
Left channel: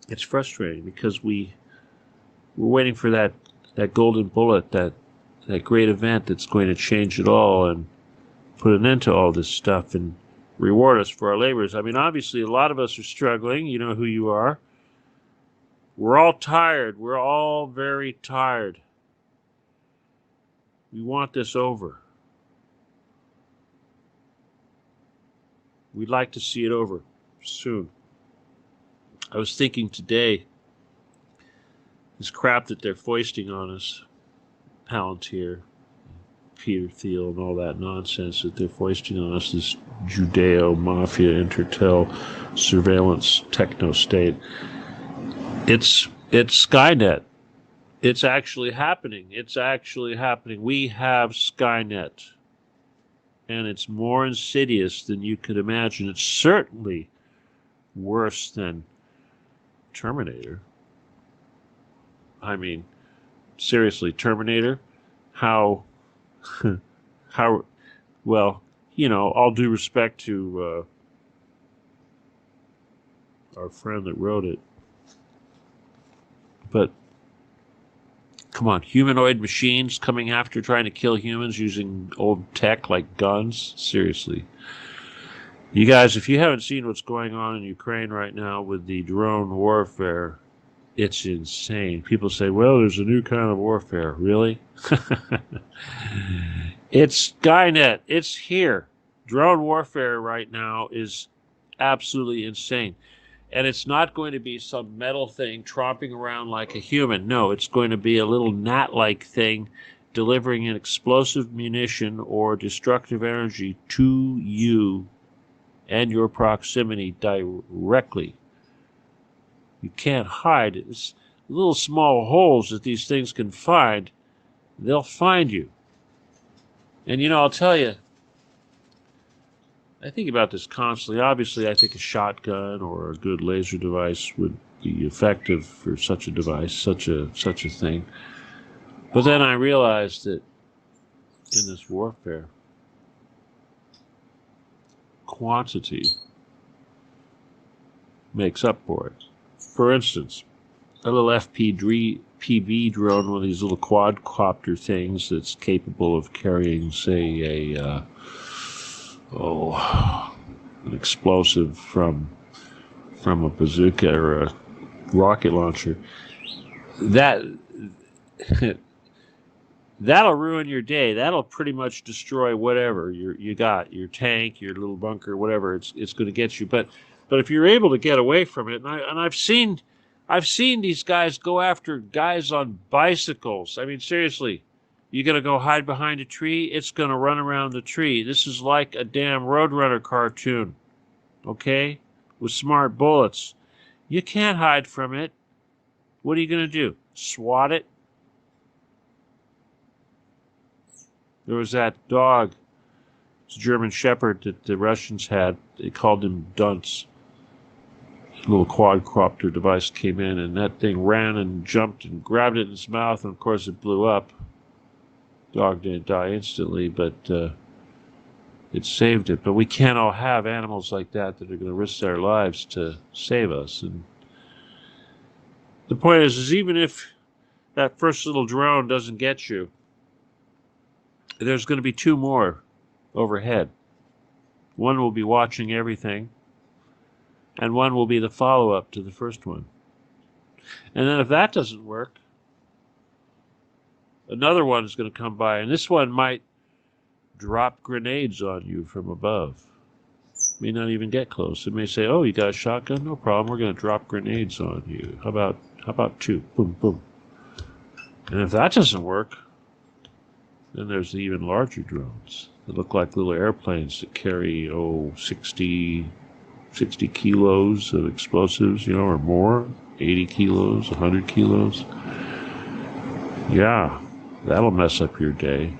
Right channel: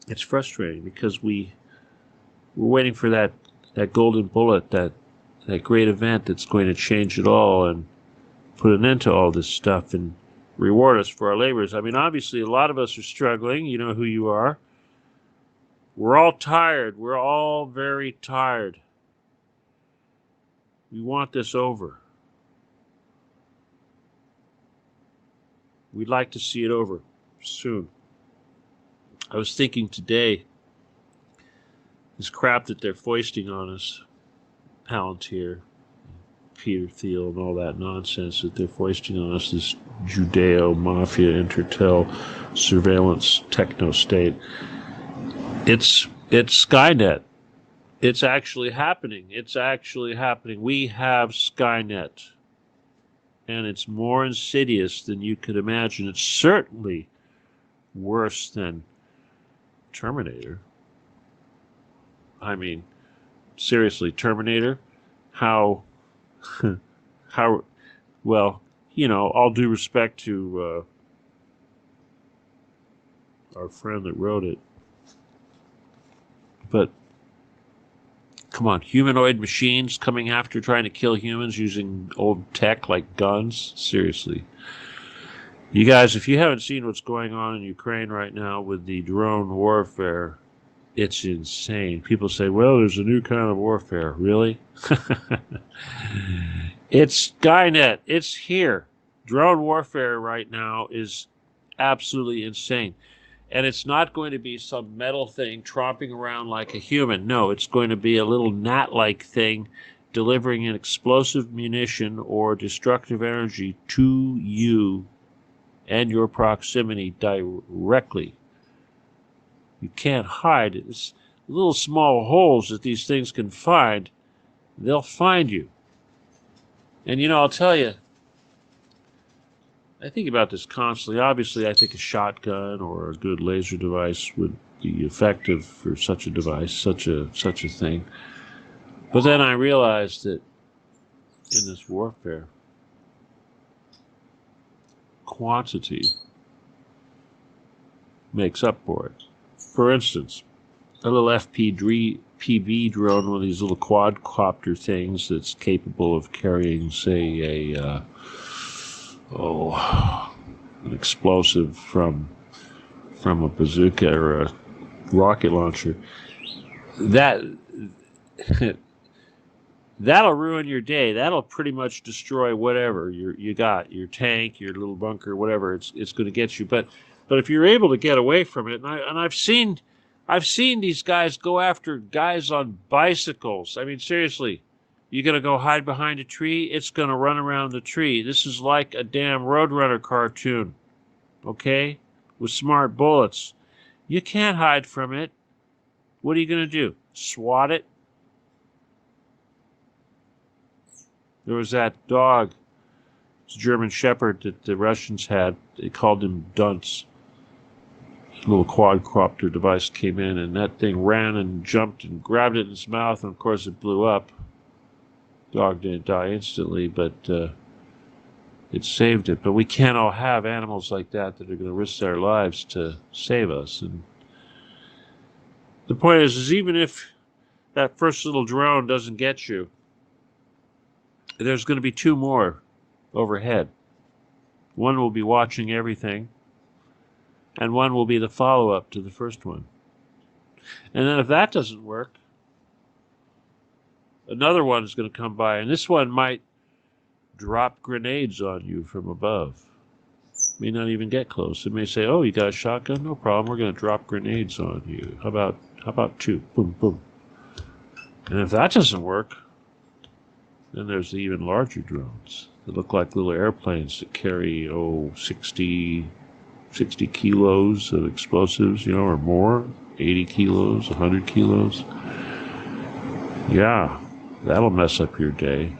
it's frustrating because we're waiting for that golden bullet, that great event that's going to change it all and put an end to all this stuff and reward us for our labors. I mean, obviously, a lot of us are struggling. You know who you are. We're all tired. We're all very tired. We want this over. We'd like to see it over soon. I was thinking today, this crap that they're foisting on us, Palantir, Peter Thiel, and all that nonsense that they're foisting on us, this Judeo-Mafia, Intertel, surveillance, techno-state. It's Skynet. It's actually happening. It's actually happening. We have Skynet. And it's more insidious than you could imagine. It's certainly worse than Terminator. I mean, seriously, Terminator, how, well, you know, all due respect to our friend that wrote it, but come on, humanoid machines coming after trying to kill humans using old tech like guns? Seriously. You guys, if you haven't seen what's going on in Ukraine right now with the drone warfare, it's insane. People say, well, there's a new kind of warfare. Really? It's Skynet. It's here. Drone warfare right now is absolutely insane. And it's not going to be some metal thing tromping around like a human. No, it's going to be a little gnat-like thing delivering an explosive munition or destructive energy to you and your proximity directly. You can't hide it. It's little small holes that these things can find. They'll find you. And, you know, I'll tell you, I think about this constantly. Obviously, I think a shotgun or a good laser device would be effective for such a device, such a thing. But then I realized that in this warfare, quantity makes up for it. For instance, a little FPV drone, one of these little quadcopter things that's capable of carrying, say, an explosive from a bazooka or a rocket launcher, that'll ruin your day. That'll pretty much destroy whatever you got, your tank, your little bunker, whatever. It's going to get you. But if you're able to get away from it, and I've seen these guys go after guys on bicycles. I mean, seriously. You're going to go hide behind a tree, it's going to run around the tree. This is like a damn Roadrunner cartoon, okay, with smart bullets. You can't hide from it. What are you going to do? SWAT it? There was that dog, it's a German Shepherd that the Russians had. They called him Dunce. A little quadcopter device came in, and that thing ran and jumped and grabbed it in its mouth, and of course it blew up. Dog didn't die instantly, but it saved it. But we can't all have animals like that are going to risk their lives to save us. And the point is even if that first little drone doesn't get you, there's going to be two more overhead. One will be watching everything, and one will be the follow-up to the first one. And then if that doesn't work, another one is going to come by, and this one might drop grenades on you from above. May not even get close. It may say, oh, you got a shotgun? No problem. We're going to drop grenades on you. How about two? Boom, boom. And if that doesn't work, then there's the even larger drones that look like little airplanes that carry, 60 kilos of explosives, or more, 80 kilos, 100 kilos. Yeah. That'll mess up your day.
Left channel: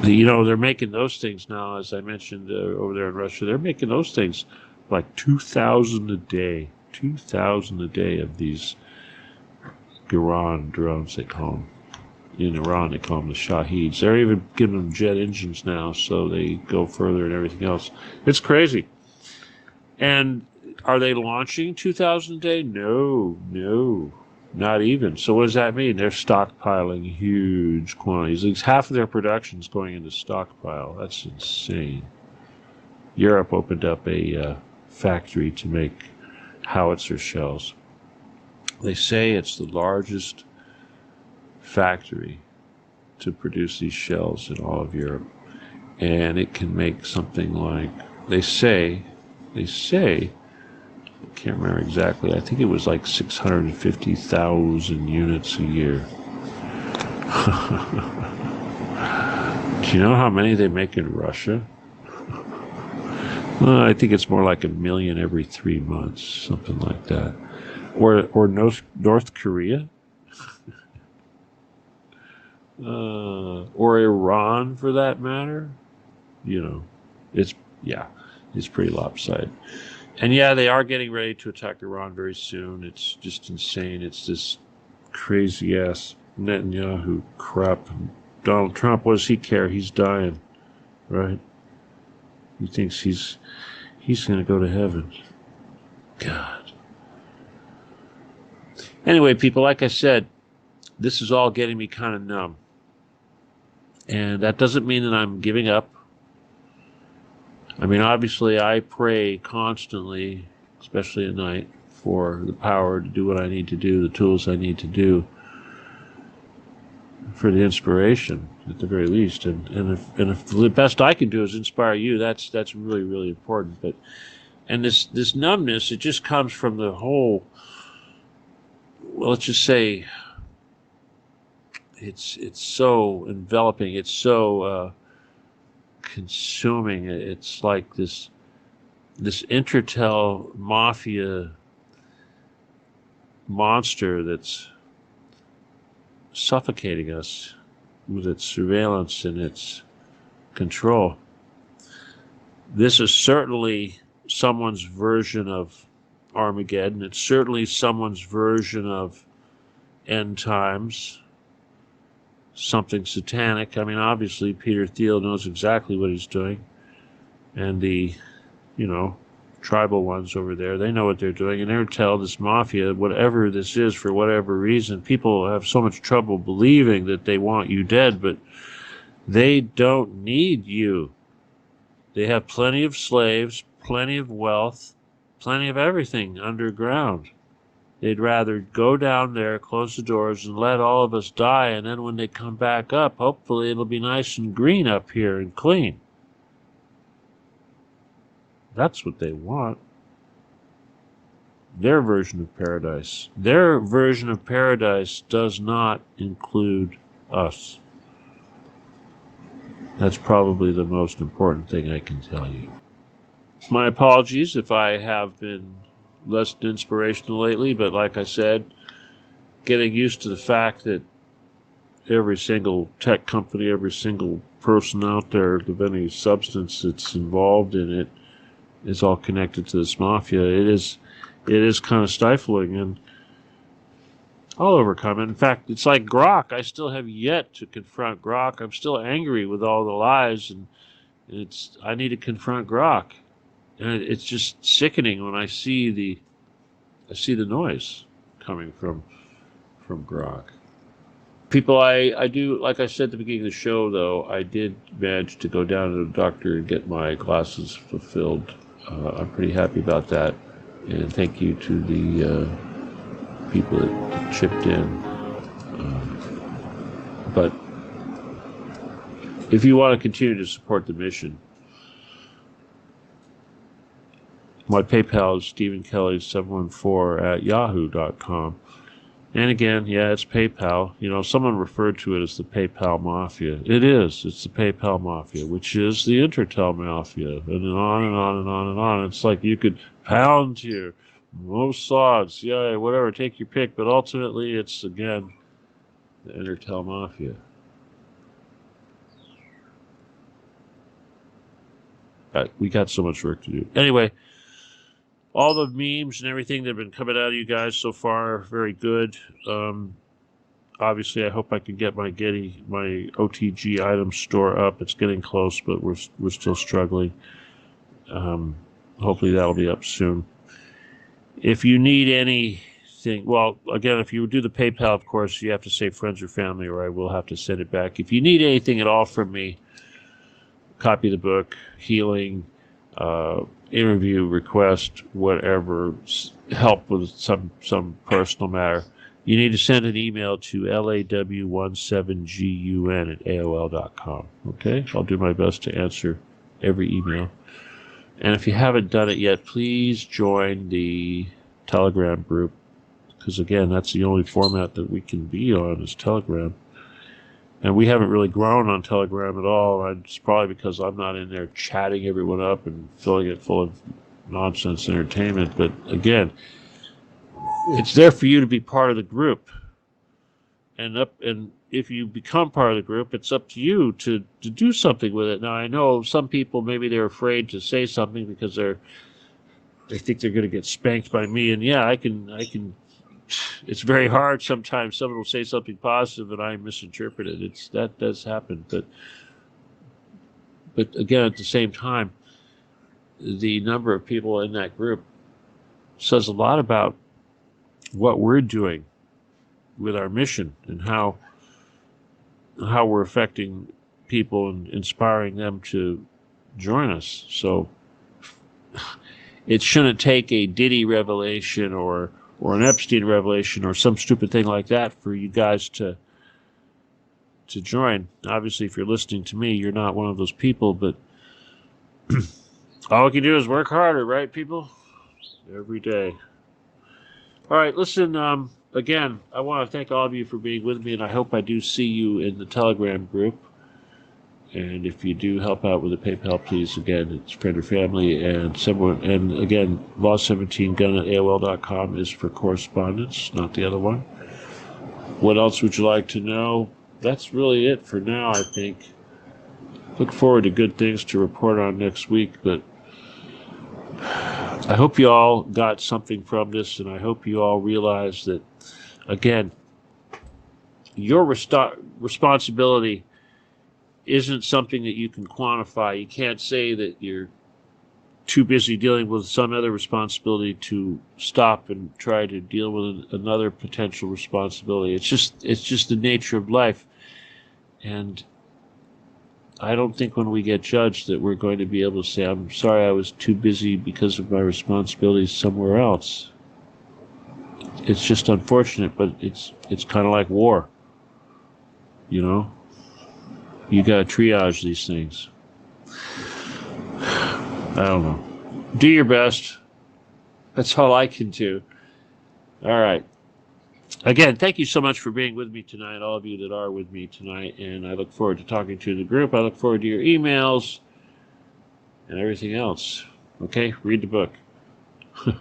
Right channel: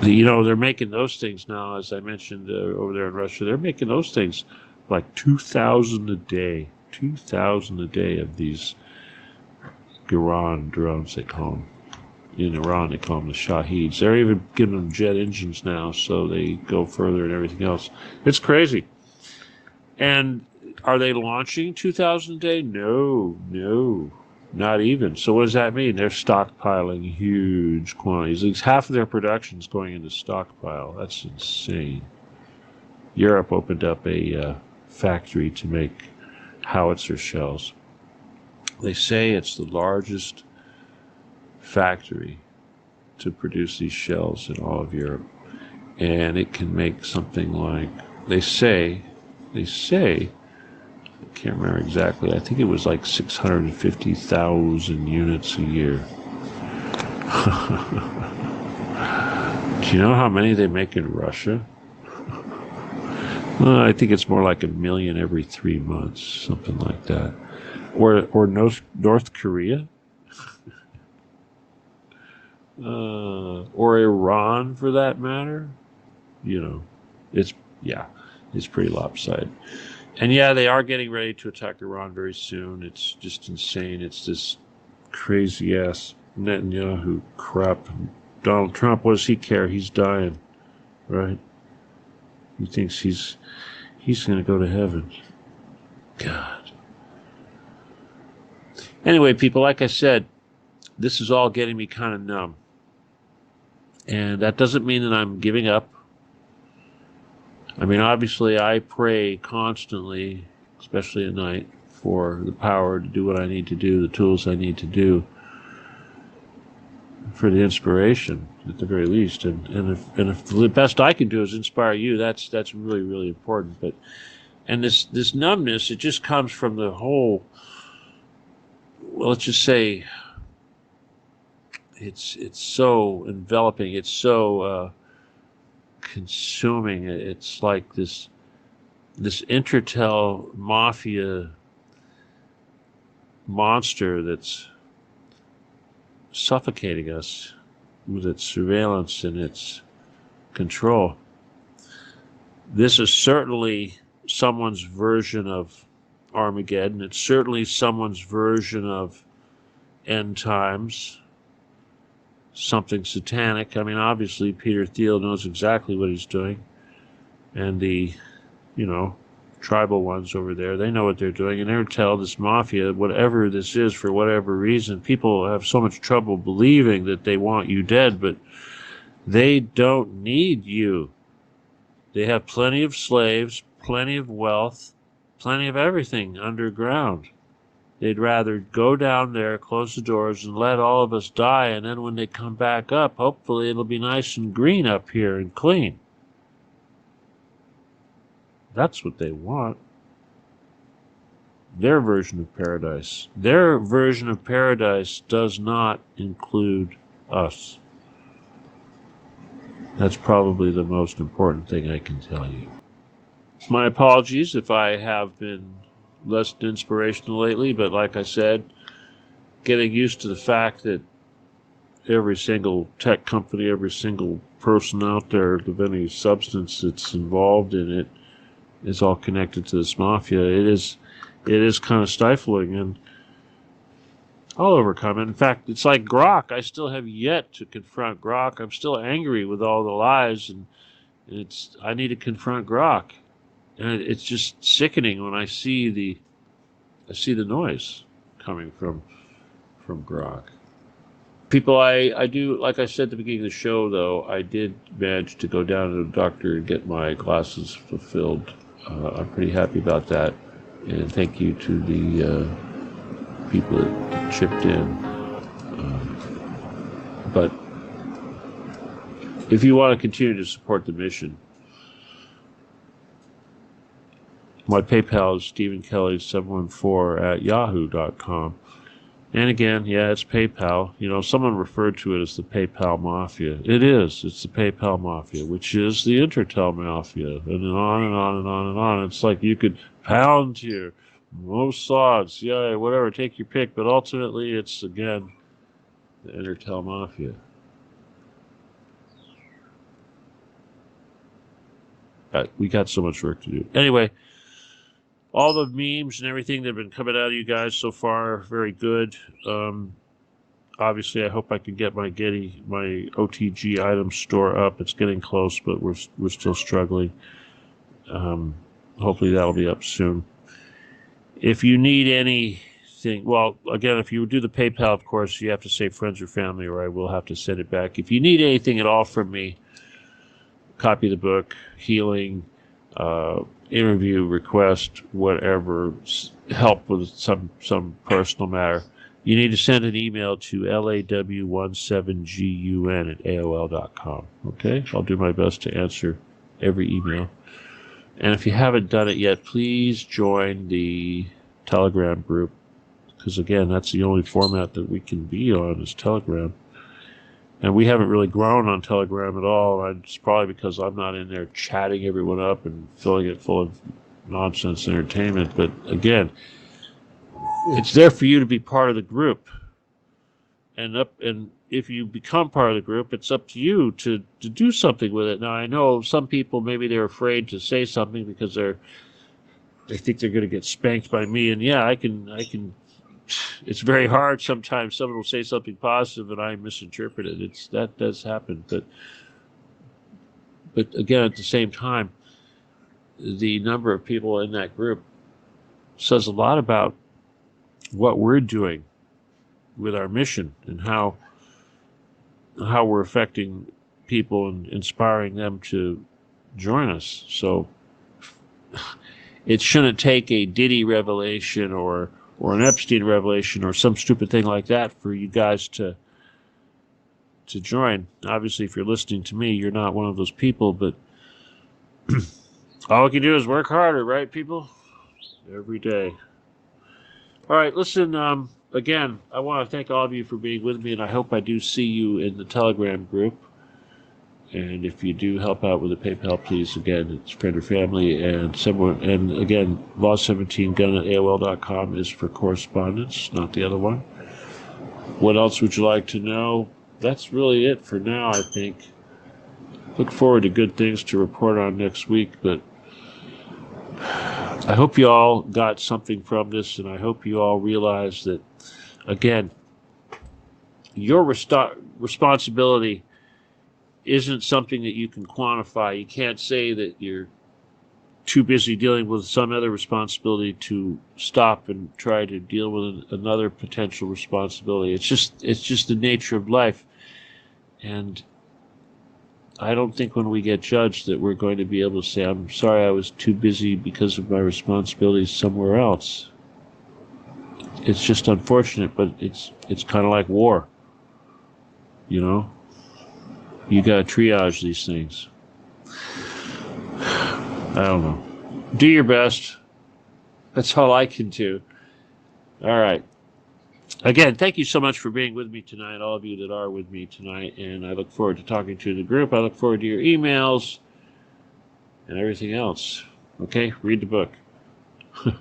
They're making those things now, as I mentioned over there in Russia. They're making those things like 2,000 a day. 2,000 a day of these Iran drones, they call them. In Iran, they call them the Shaheeds. They're even giving them jet engines now, so they go further and everything else. It's crazy. And are they launching 2,000 a day? No, not even. So what does that mean? They're stockpiling huge quantities. At least half of their production is going into stockpile. That's insane. Europe opened up a factory to make howitzer shells. They say it's the largest factory to produce these shells in all of Europe, and it can make something like, they say, I can't remember exactly, I think it was like 650,000 units a year. Do you know how many they make in Russia? I think it's more like 1 million every 3 months, something like that. Or North Korea? Or Iran, for that matter. You know, it's pretty lopsided. And yeah, they are getting ready to attack Iran very soon. It's just insane. It's this crazy ass Netanyahu crap. Donald Trump, what does he care? He's dying, right? He thinks he's going to go to heaven. God. Anyway, people, like I said, this is all getting me kind of numb. And that doesn't mean that I'm giving up. I mean, obviously, I pray constantly, especially at night, for the power to do what I need to do, the tools I need to do, for the inspiration, at the very least. And if the best I can do is inspire you, that's really, really important. And this numbness, it just comes from the whole, well, let's just say, it's so enveloping, it's so consuming. It's like this Intertel mafia monster that's suffocating us with its surveillance and its control. This is certainly someone's version of Armageddon. It's certainly someone's version of end times. Something satanic. I mean, obviously, Peter Thiel knows exactly what he's doing. And the, tribal ones over there, they know what they're doing. And Intertel, this mafia, whatever this is, for whatever reason, people have so much trouble believing that they want you dead, but they don't need you. They have plenty of slaves, plenty of wealth, plenty of everything underground. They'd rather go down there, close the doors, and let all of us die, and then when they come back up, hopefully it'll be nice and green up here and clean. That's what they want. Their version of paradise. Their version of paradise does not include us. That's probably the most important thing I can tell you. My apologies if I have been less inspirational lately, but like I said, getting used to the fact that every single tech company, every single person out there of any substance that's involved in it is all connected to this mafia. It is kind of stifling, and I'll overcome it. In fact, it's like Grok. I still have yet to confront Grok. I'm still angry with all the lies, and I need to confront Grok. And it's just sickening when I see the noise coming from Grok. People, I do, like I said at the beginning of the show, though, I did manage to go down to the doctor and get my glasses fulfilled. I'm pretty happy about that. And thank you to the people that chipped in. But if you want to continue to support the mission, my PayPal is StephenKelly714@yahoo.com. And again, yeah, it's PayPal. Someone referred to it as the PayPal Mafia. It is. It's the PayPal Mafia, which is the Intertel Mafia. And then on and on and on and on. It's like you could pound here, Mossads, yeah, whatever, take your pick. But ultimately, it's, again, the Intertel Mafia. We got so much work to do. Anyway, all the memes and everything that have been coming out of you guys so far, very good. obviously, I hope I can get my OTG item store up. It's getting close, but we're still struggling. Hopefully that'll be up soon. If you need anything, well, again, if you do the PayPal, of course, you have to say friends or family, or I will have to send it back. If you need anything at all from me, copy of the book, healing, interview request, whatever, help with some personal matter, you need to send an email to law17gun@aol.com. Okay? I'll do my best to answer every email. And if you haven't done it yet, please join the Telegram group, because again, that's the only format that we can be on is Telegram. And we haven't really grown on Telegram at all. And it's probably because I'm not in there chatting everyone up and filling it full of nonsense entertainment. But again, it's there for you to be part of the group. And if you become part of the group, it's up to you to do something with it. Now, I know some people, maybe they're afraid to say something because they think they're going to get spanked by me. And yeah, I can. It's very hard sometimes. Someone will say something positive and I misinterpret it. That does happen. But again, at the same time, the number of people in that group says a lot about what we're doing with our mission and how we're affecting people and inspiring them to join us. So it shouldn't take a Diddy revelation or an Epstein revelation or some stupid thing like that for you guys to join. Obviously, if you're listening to me, you're not one of those people, but all we can do is work harder, right, people? Every day. All right, listen, again, I want to thank all of you for being with me, and I hope I do see you in the Telegram group. And if you do help out with the PayPal, please, again, it's friend or family and someone. And again, law17gun@aol.com is for correspondence, not the other one. What else would you like to know? That's really it for now, I think. Look forward to good things to report on next week, but I hope you all got something from this, and I hope you all realize that, again, your responsibility isn't something that you can quantify. You can't say that you're too busy dealing with some other responsibility to stop and try to deal with another potential responsibility. It's just the nature of life. And I don't think when we get judged that we're going to be able to say, I'm sorry, I was too busy because of my responsibilities somewhere else. It's just unfortunate, but it's kind of like war. You know? You got to triage these things. I don't know. Do your best. That's all I can do. All right. Again, thank you so much for being with me tonight, all of you that are with me tonight, and I look forward to talking to the group. I look forward to your emails and everything else. Okay? Read the book. All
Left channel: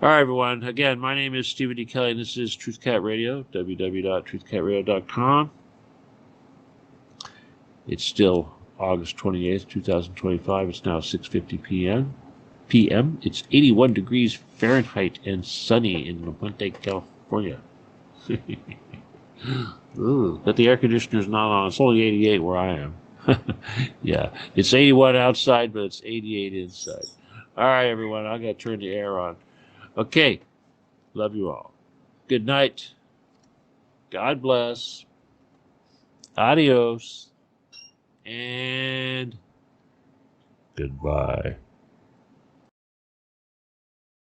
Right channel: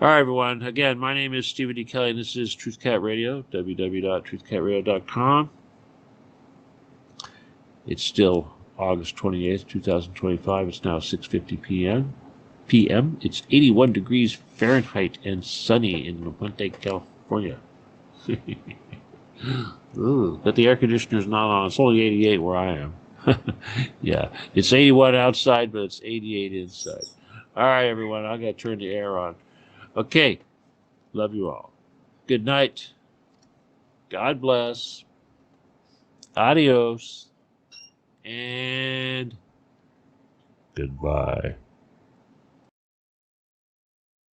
right, everyone. Again, my name is Stephen D. Kelly, and this is Truth Cat Radio, www.truthcatradio.com. It's still August 28th, 2025. It's now 6:50 p.m. It's 81 degrees Fahrenheit and sunny in La Puente, California. Ooh, but the air conditioner's not on. It's only 88 where I am. Yeah, it's 81 outside, but it's 88 inside. All right, everyone. I got to turn the air on. Okay. Love you all. Good night. God bless. Adios. And goodbye.